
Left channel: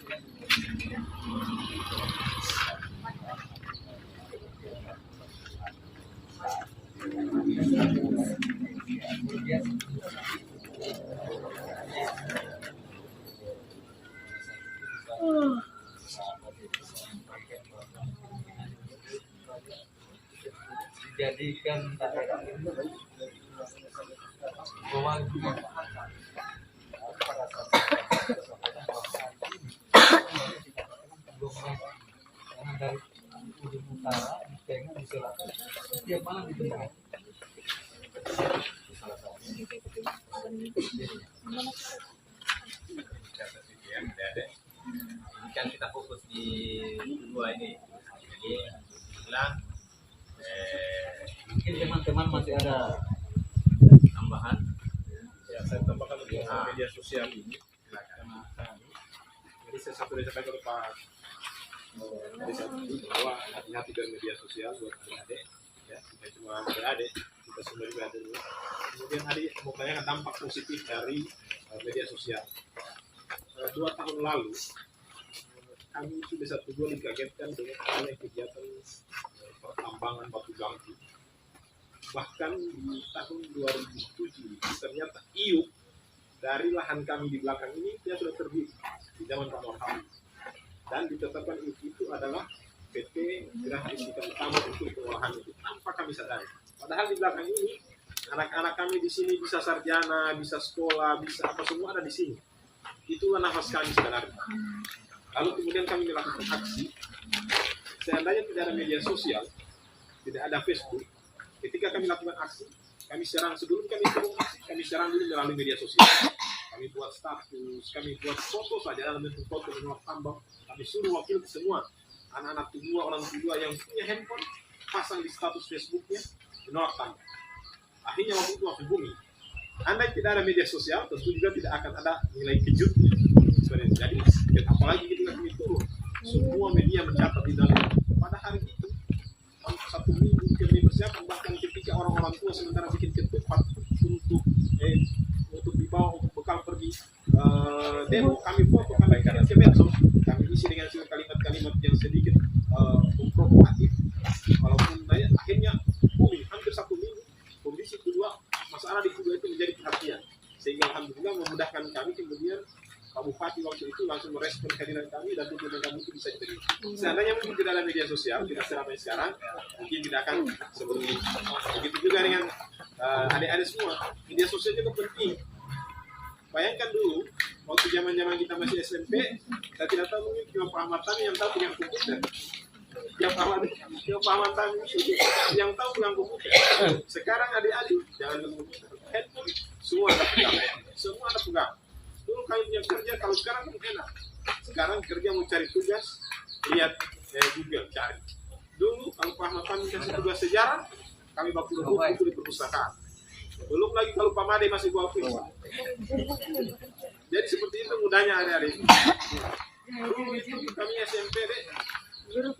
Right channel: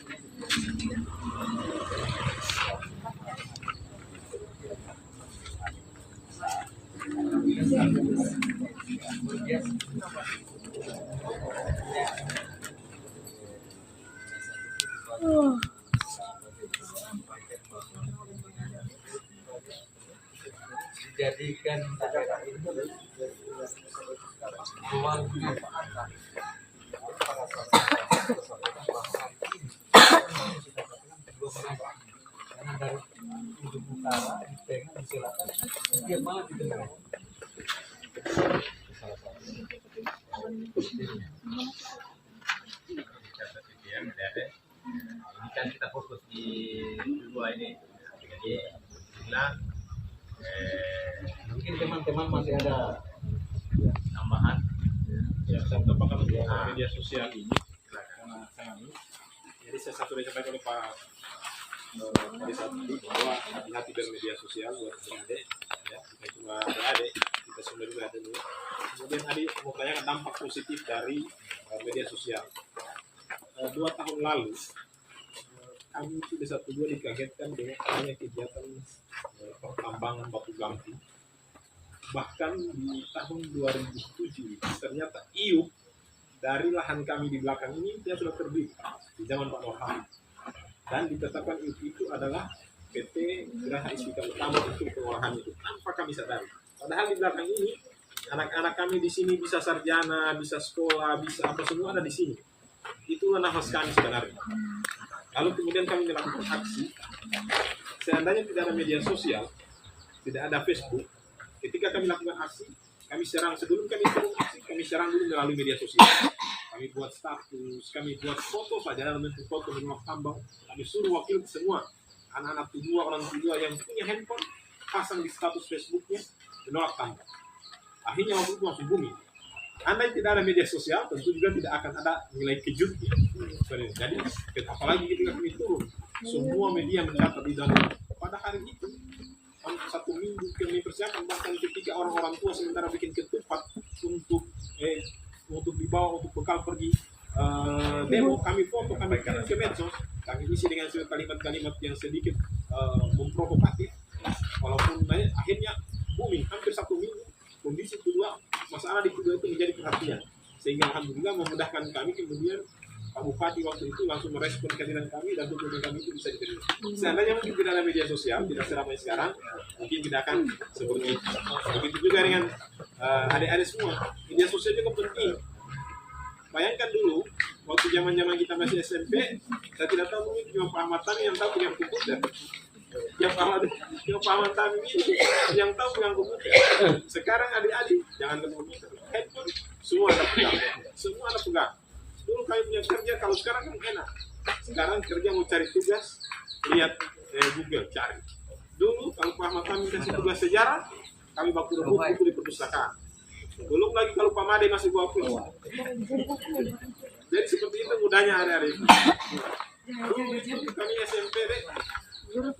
Dijadikan daerah ini ruang dimanfaatkan pada saat kita sampaikan bahwa hari ini kita katakan belum maju karena dari ujung utara di tengah di selatan dia malah di tengah. Salah satu. Ini kan kita fokus di dua ini. Jadi bilang Mungkin teman-teman masih ada tambahan. Ya, saya tambahkan untuk media sosial ini karena kami. Jadi saya satu dari sampaikan oleh Pak tadi saat ini bahwa hati-hati bermedia sosial buat adik-adik, ya bukan cuma adik-adik, kita semua juga ada dulu. Kemudian adik mau tanyakan dampak positif dari media sosial. 2 tahun lalu kami itu di 1-2 dikagetkan dengan adanya kegiatan pertambangan batu gamping. Bahkan di tahun 2007 ternyata IUP dari lahan kami di belakang ini dia sudah terbit di zaman Pak Norham, dan ditetapkan IUP itu adalah PT Geraha Istiqlal Utama untuk pengolahan itu tanpa kami sadari. Padahal di belakang ini anak-anak kami di sini bisa sarjana, bisa sekolah, bisa apa semua ada di sini. Itulah nafas kami sebenarnya. Lalu kemudian kami melakukan aksi. Seandainya tidak ada media sosial, tidak ada Facebook, ketika kami lakukan aksi, kami serang sebelum kami turun aksi, kami serang dulu melalui media sosial. Kami buat status, kami buat foto saja dalam bentuk foto menolak tambang. Kami suruh wakil ke semua anak-anak tua, orang tua yang punya handphone, pasang di status Facebooknya, menolak tambah. Akhirnya waktu itu langsung booming. Andai tidak ada media sosial, tentu juga tidak akan ada nilai kejutnya. Jadi apalagi ketika kami turun, semua media mencatat di dalam pada hari itu 1 minggu kami persiapan, bahkan ketika orang-orang tua sementara bikin ketupat untuk dibawa untuk bekal pergi demo, kami foto, kami kirim ke medsos, kami isi dengan kalimat-kalimat yang sedikit memprovokatif. Walaupun akhirnya booming hampir 1 minggu, kondisi kedua masalah di kedua itu menjadi perhatian, sehingga alhamdulillah memudahkan kami. Kemudian Pak Bupati waktu itu langsung merespon kehadiran kami dan dokumen kami itu bisa diterima. Seandainya mungkin tidak ada media sosial, tidak seramai sekarang, mungkin tidak akan seperti itu. Begitu juga dengan adik-adik semua, media sosial juga penting. Bayangkan dulu, waktu zaman-zaman kita masih SMP, saya tidak tahu, mungkin cuma Pak Ahmad Tami yang tahu pegang komputer. Yang Pak Ahmad Tami ini yang tahu pegang komputer. Sekarang adik-adik, jangan ke komputer, handphone, semua Anda pegang. Semua Anda pegang. Dulu kami punya kerja, kalau sekarang kan enak. Sekarang kerja mau cari tugas, lihat Google, cari. Dulu kalau Pak Ahmad Tami kasih tugas sejarah, kami baku rebut buku di perpustakaan. Belum lagi kalau Pak Made masih bawa kuis. Jadi seperti itu mudahnya adik-adik. Dulu itu kami SMP deh,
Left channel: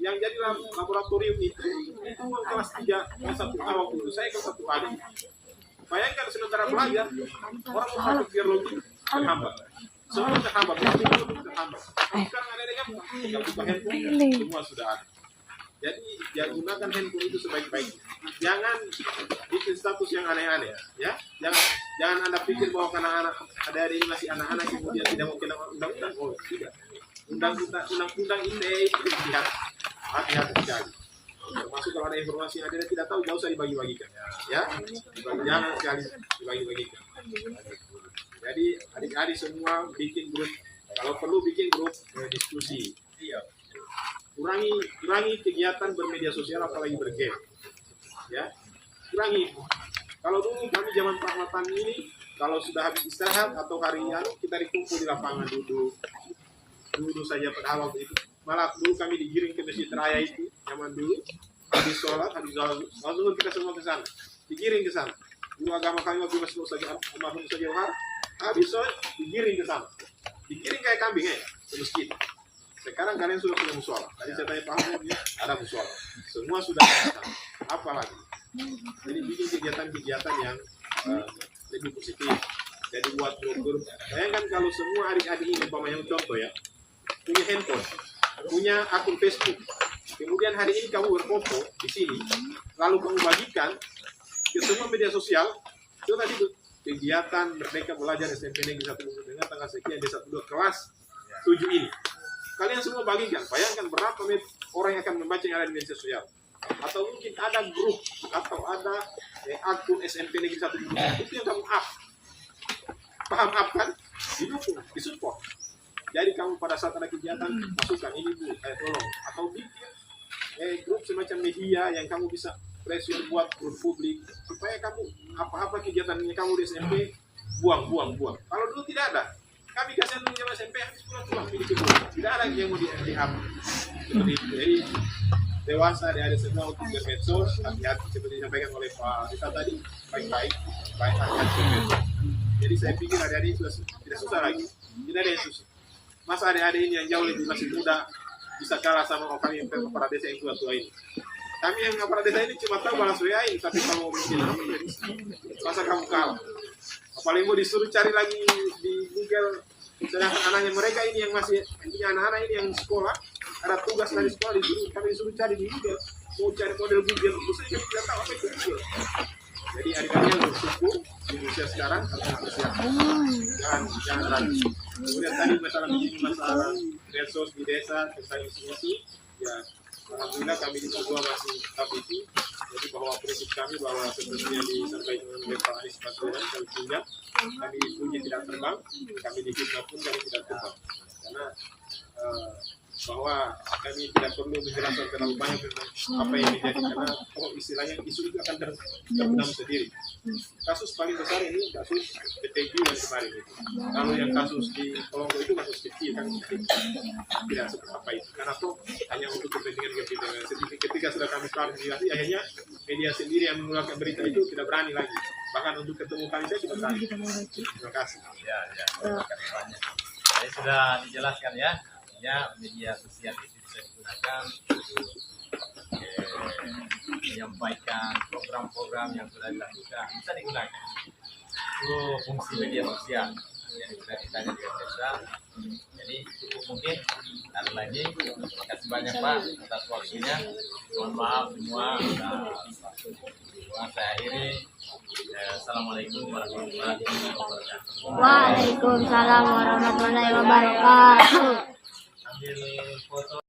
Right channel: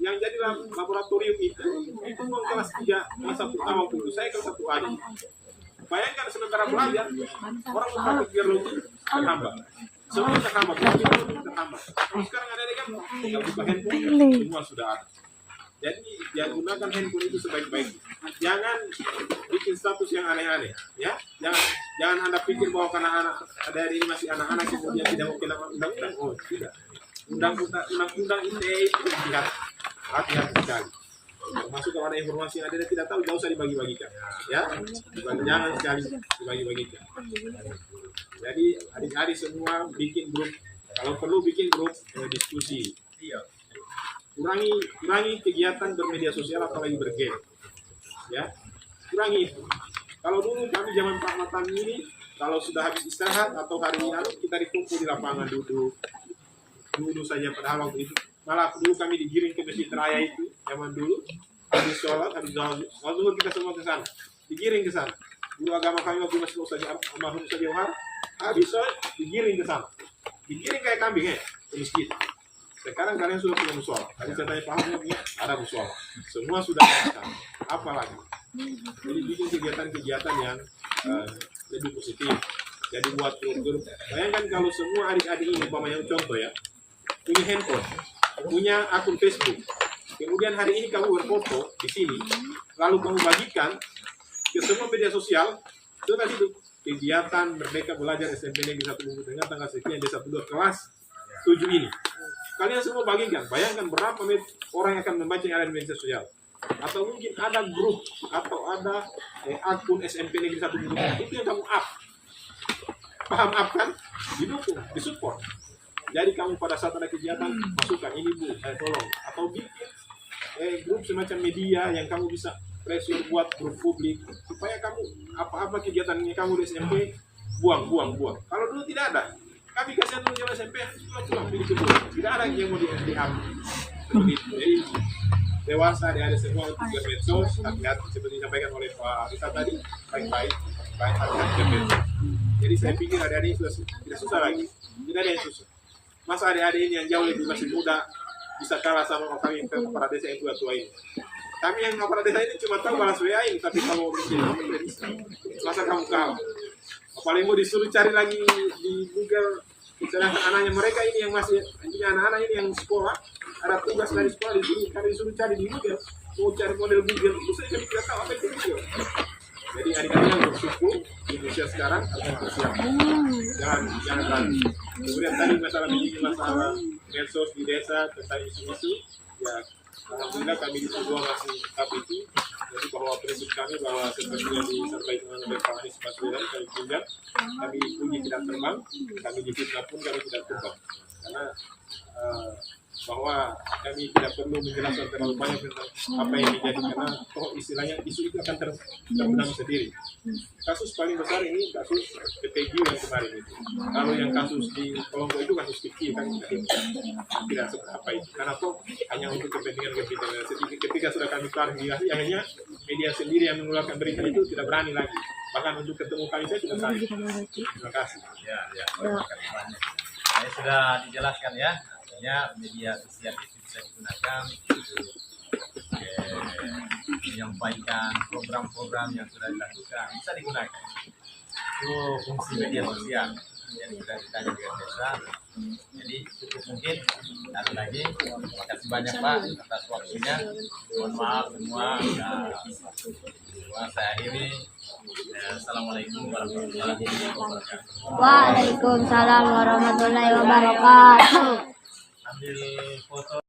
yang jadi laboratorium itu kelas 3, kelas 1 awal itu. Saya kelas 1 adik. Bayangkan sementara belajar, orang mau praktik biologi terhambat. Semua terhambat, terhambat. Sekarang ada kan, tinggal buka handphone, semua sudah ada. Jadi ya gunakan handphone itu sebaik-baiknya. Jangan bikin status yang aneh-aneh, ya. Jangan Anda pikir bahwa karena adik-adik ini masih anak-anak kemudian tidak mau kena undang-undang. Oh tidak. Undang-undang ITE itu hati-hati sekali. Termasuk kalau ada informasi yang Anda tidak tahu, jauh usah dibagi-bagikan, ya. Jangan sekali dibagi-bagikan. Jadi adik-adik semua bikin grup, kalau perlu bikin grup diskusi. Kurangi kegiatan bermedia sosial apalagi bergame, ya. Kurangi itu. Kalau dulu kami zaman Pak Matan ini, kalau sudah habis istirahat atau hari kita dikumpul di lapangan duduk saja. Padahal waktu itu malah dulu kami digiring ke Masjid Raya itu zaman dulu, habis sholat langsung kita semua ke sana, digiring ke sana. Dulu agama kami waktu masih almarhum Ustaz Johar, habis sholat digiring ke sana, digiring kayak kambing ke masjid. Sekarang kalian sudah punya musola. Tadi saya tanya Pak Ahmad, ada musola. Semua sudah ada. Apa lagi? Jadi bikin kegiatan-kegiatan yang lebih positif. Jadi buat grup-grup. Bayangkan kalau semua adik-adik ini, umpamanya contoh ya, punya handphone, punya akun Facebook. Kemudian hari ini kamu berfoto di sini, lalu kamu bagikan ke semua media sosial. Itu tadi itu kegiatan Merdeka Belajar SMP Negeri 1 Bungku Tengah tanggal sekian D12 kelas 7 ini. Kalian semua bagikan, bayangkan berapa orang yang akan membaca yang ada di media sosial. Atau mungkin ada grup, atau ada akun SMP Negeri 1 Bungku Tengah, itu yang kamu up. Paham up kan? Didukung, disupport. Jadi kamu pada saat ada kegiatan, masukkan, ini Bu, tolong. Atau bikin grup semacam media yang kamu bisa pressure buat grup publik. Supaya kamu, apa-apa kegiatannya kamu di SMP, buang. Kalau dulu tidak ada. Kami kasihan dulu zaman SMP habis pulang pilih kebun. Tidak ada yang mau di-up seperti itu. Jadi dewasa ada semua untuk bermedsos, hati-hati seperti disampaikan oleh Pak Rita tadi, baik hati-hati bermedsos. Jadi saya pikir adik-adik sudah tidak susah lagi, tidak ada yang susah. Masa adik-adik ini yang jauh lebih masih muda bisa kalah sama kami kepala desa yang tua-tua ini. Kami yang kepala desa ini cuma tahu balas WA ini, tapi kalau bikin apa tidak bisa. Masa kamu kalah? Apalagi mau disuruh cari lagi di Google, sedangkan anaknya mereka ini yang masih punya anak-anak ini yang sekolah, ada tugas dari sekolah kami disuruh cari di Google, mau cari model Google, itu saya tidak tahu apa itu Google. Jadi adik-adik yang bersyukur di usia sekarang harus mempersiapkan, jangan ragu. Kemudian tadi masalah medsos di desa tentang isu-isu, ya alhamdulillah kami di Sudua masih tetap itu. Jadi bahwa prinsip kami bahwa seperti yang disampaikan oleh Pak Anies Baswedan, kami tinggal, kami puji tidak terbang, kami difitnah pun kami tidak terbang. Karena bahwa kami tidak perlu menjelaskan terlalu banyak tentang apa yang menjadi, karena istilahnya isu itu akan terbenam sendiri. Kasus paling besar ini kasus PTG yang kemarin itu. Kalau yang kasus di Kolonggo itu kasus kecil kan tidak seberapa itu, karena hanya untuk kepentingan. Ketika sudah kami klarifikasi, akhirnya media sendiri yang mengeluarkan berita itu tidak berani lagi, bahkan untuk ketemu kami saya tidak berani. Terima kasih. Ya, terima kasih banyak. Saya sudah dijelaskan ya, artinya media sosial itu bisa digunakan untuk menyampaikan program-program yang sudah dilakukan, bisa digunakan. Itu fungsi media sosial. Jadi sudah ditanya dengan desa. Jadi cukup mungkin ada lagi. Terima kasih banyak Pak atas waktunya. Mohon maaf semua. Saya akhiri. Assalamualaikum warahmatullahi wabarakatuh. Waalaikumsalam warahmatullahi wabarakatuh. Ambil foto.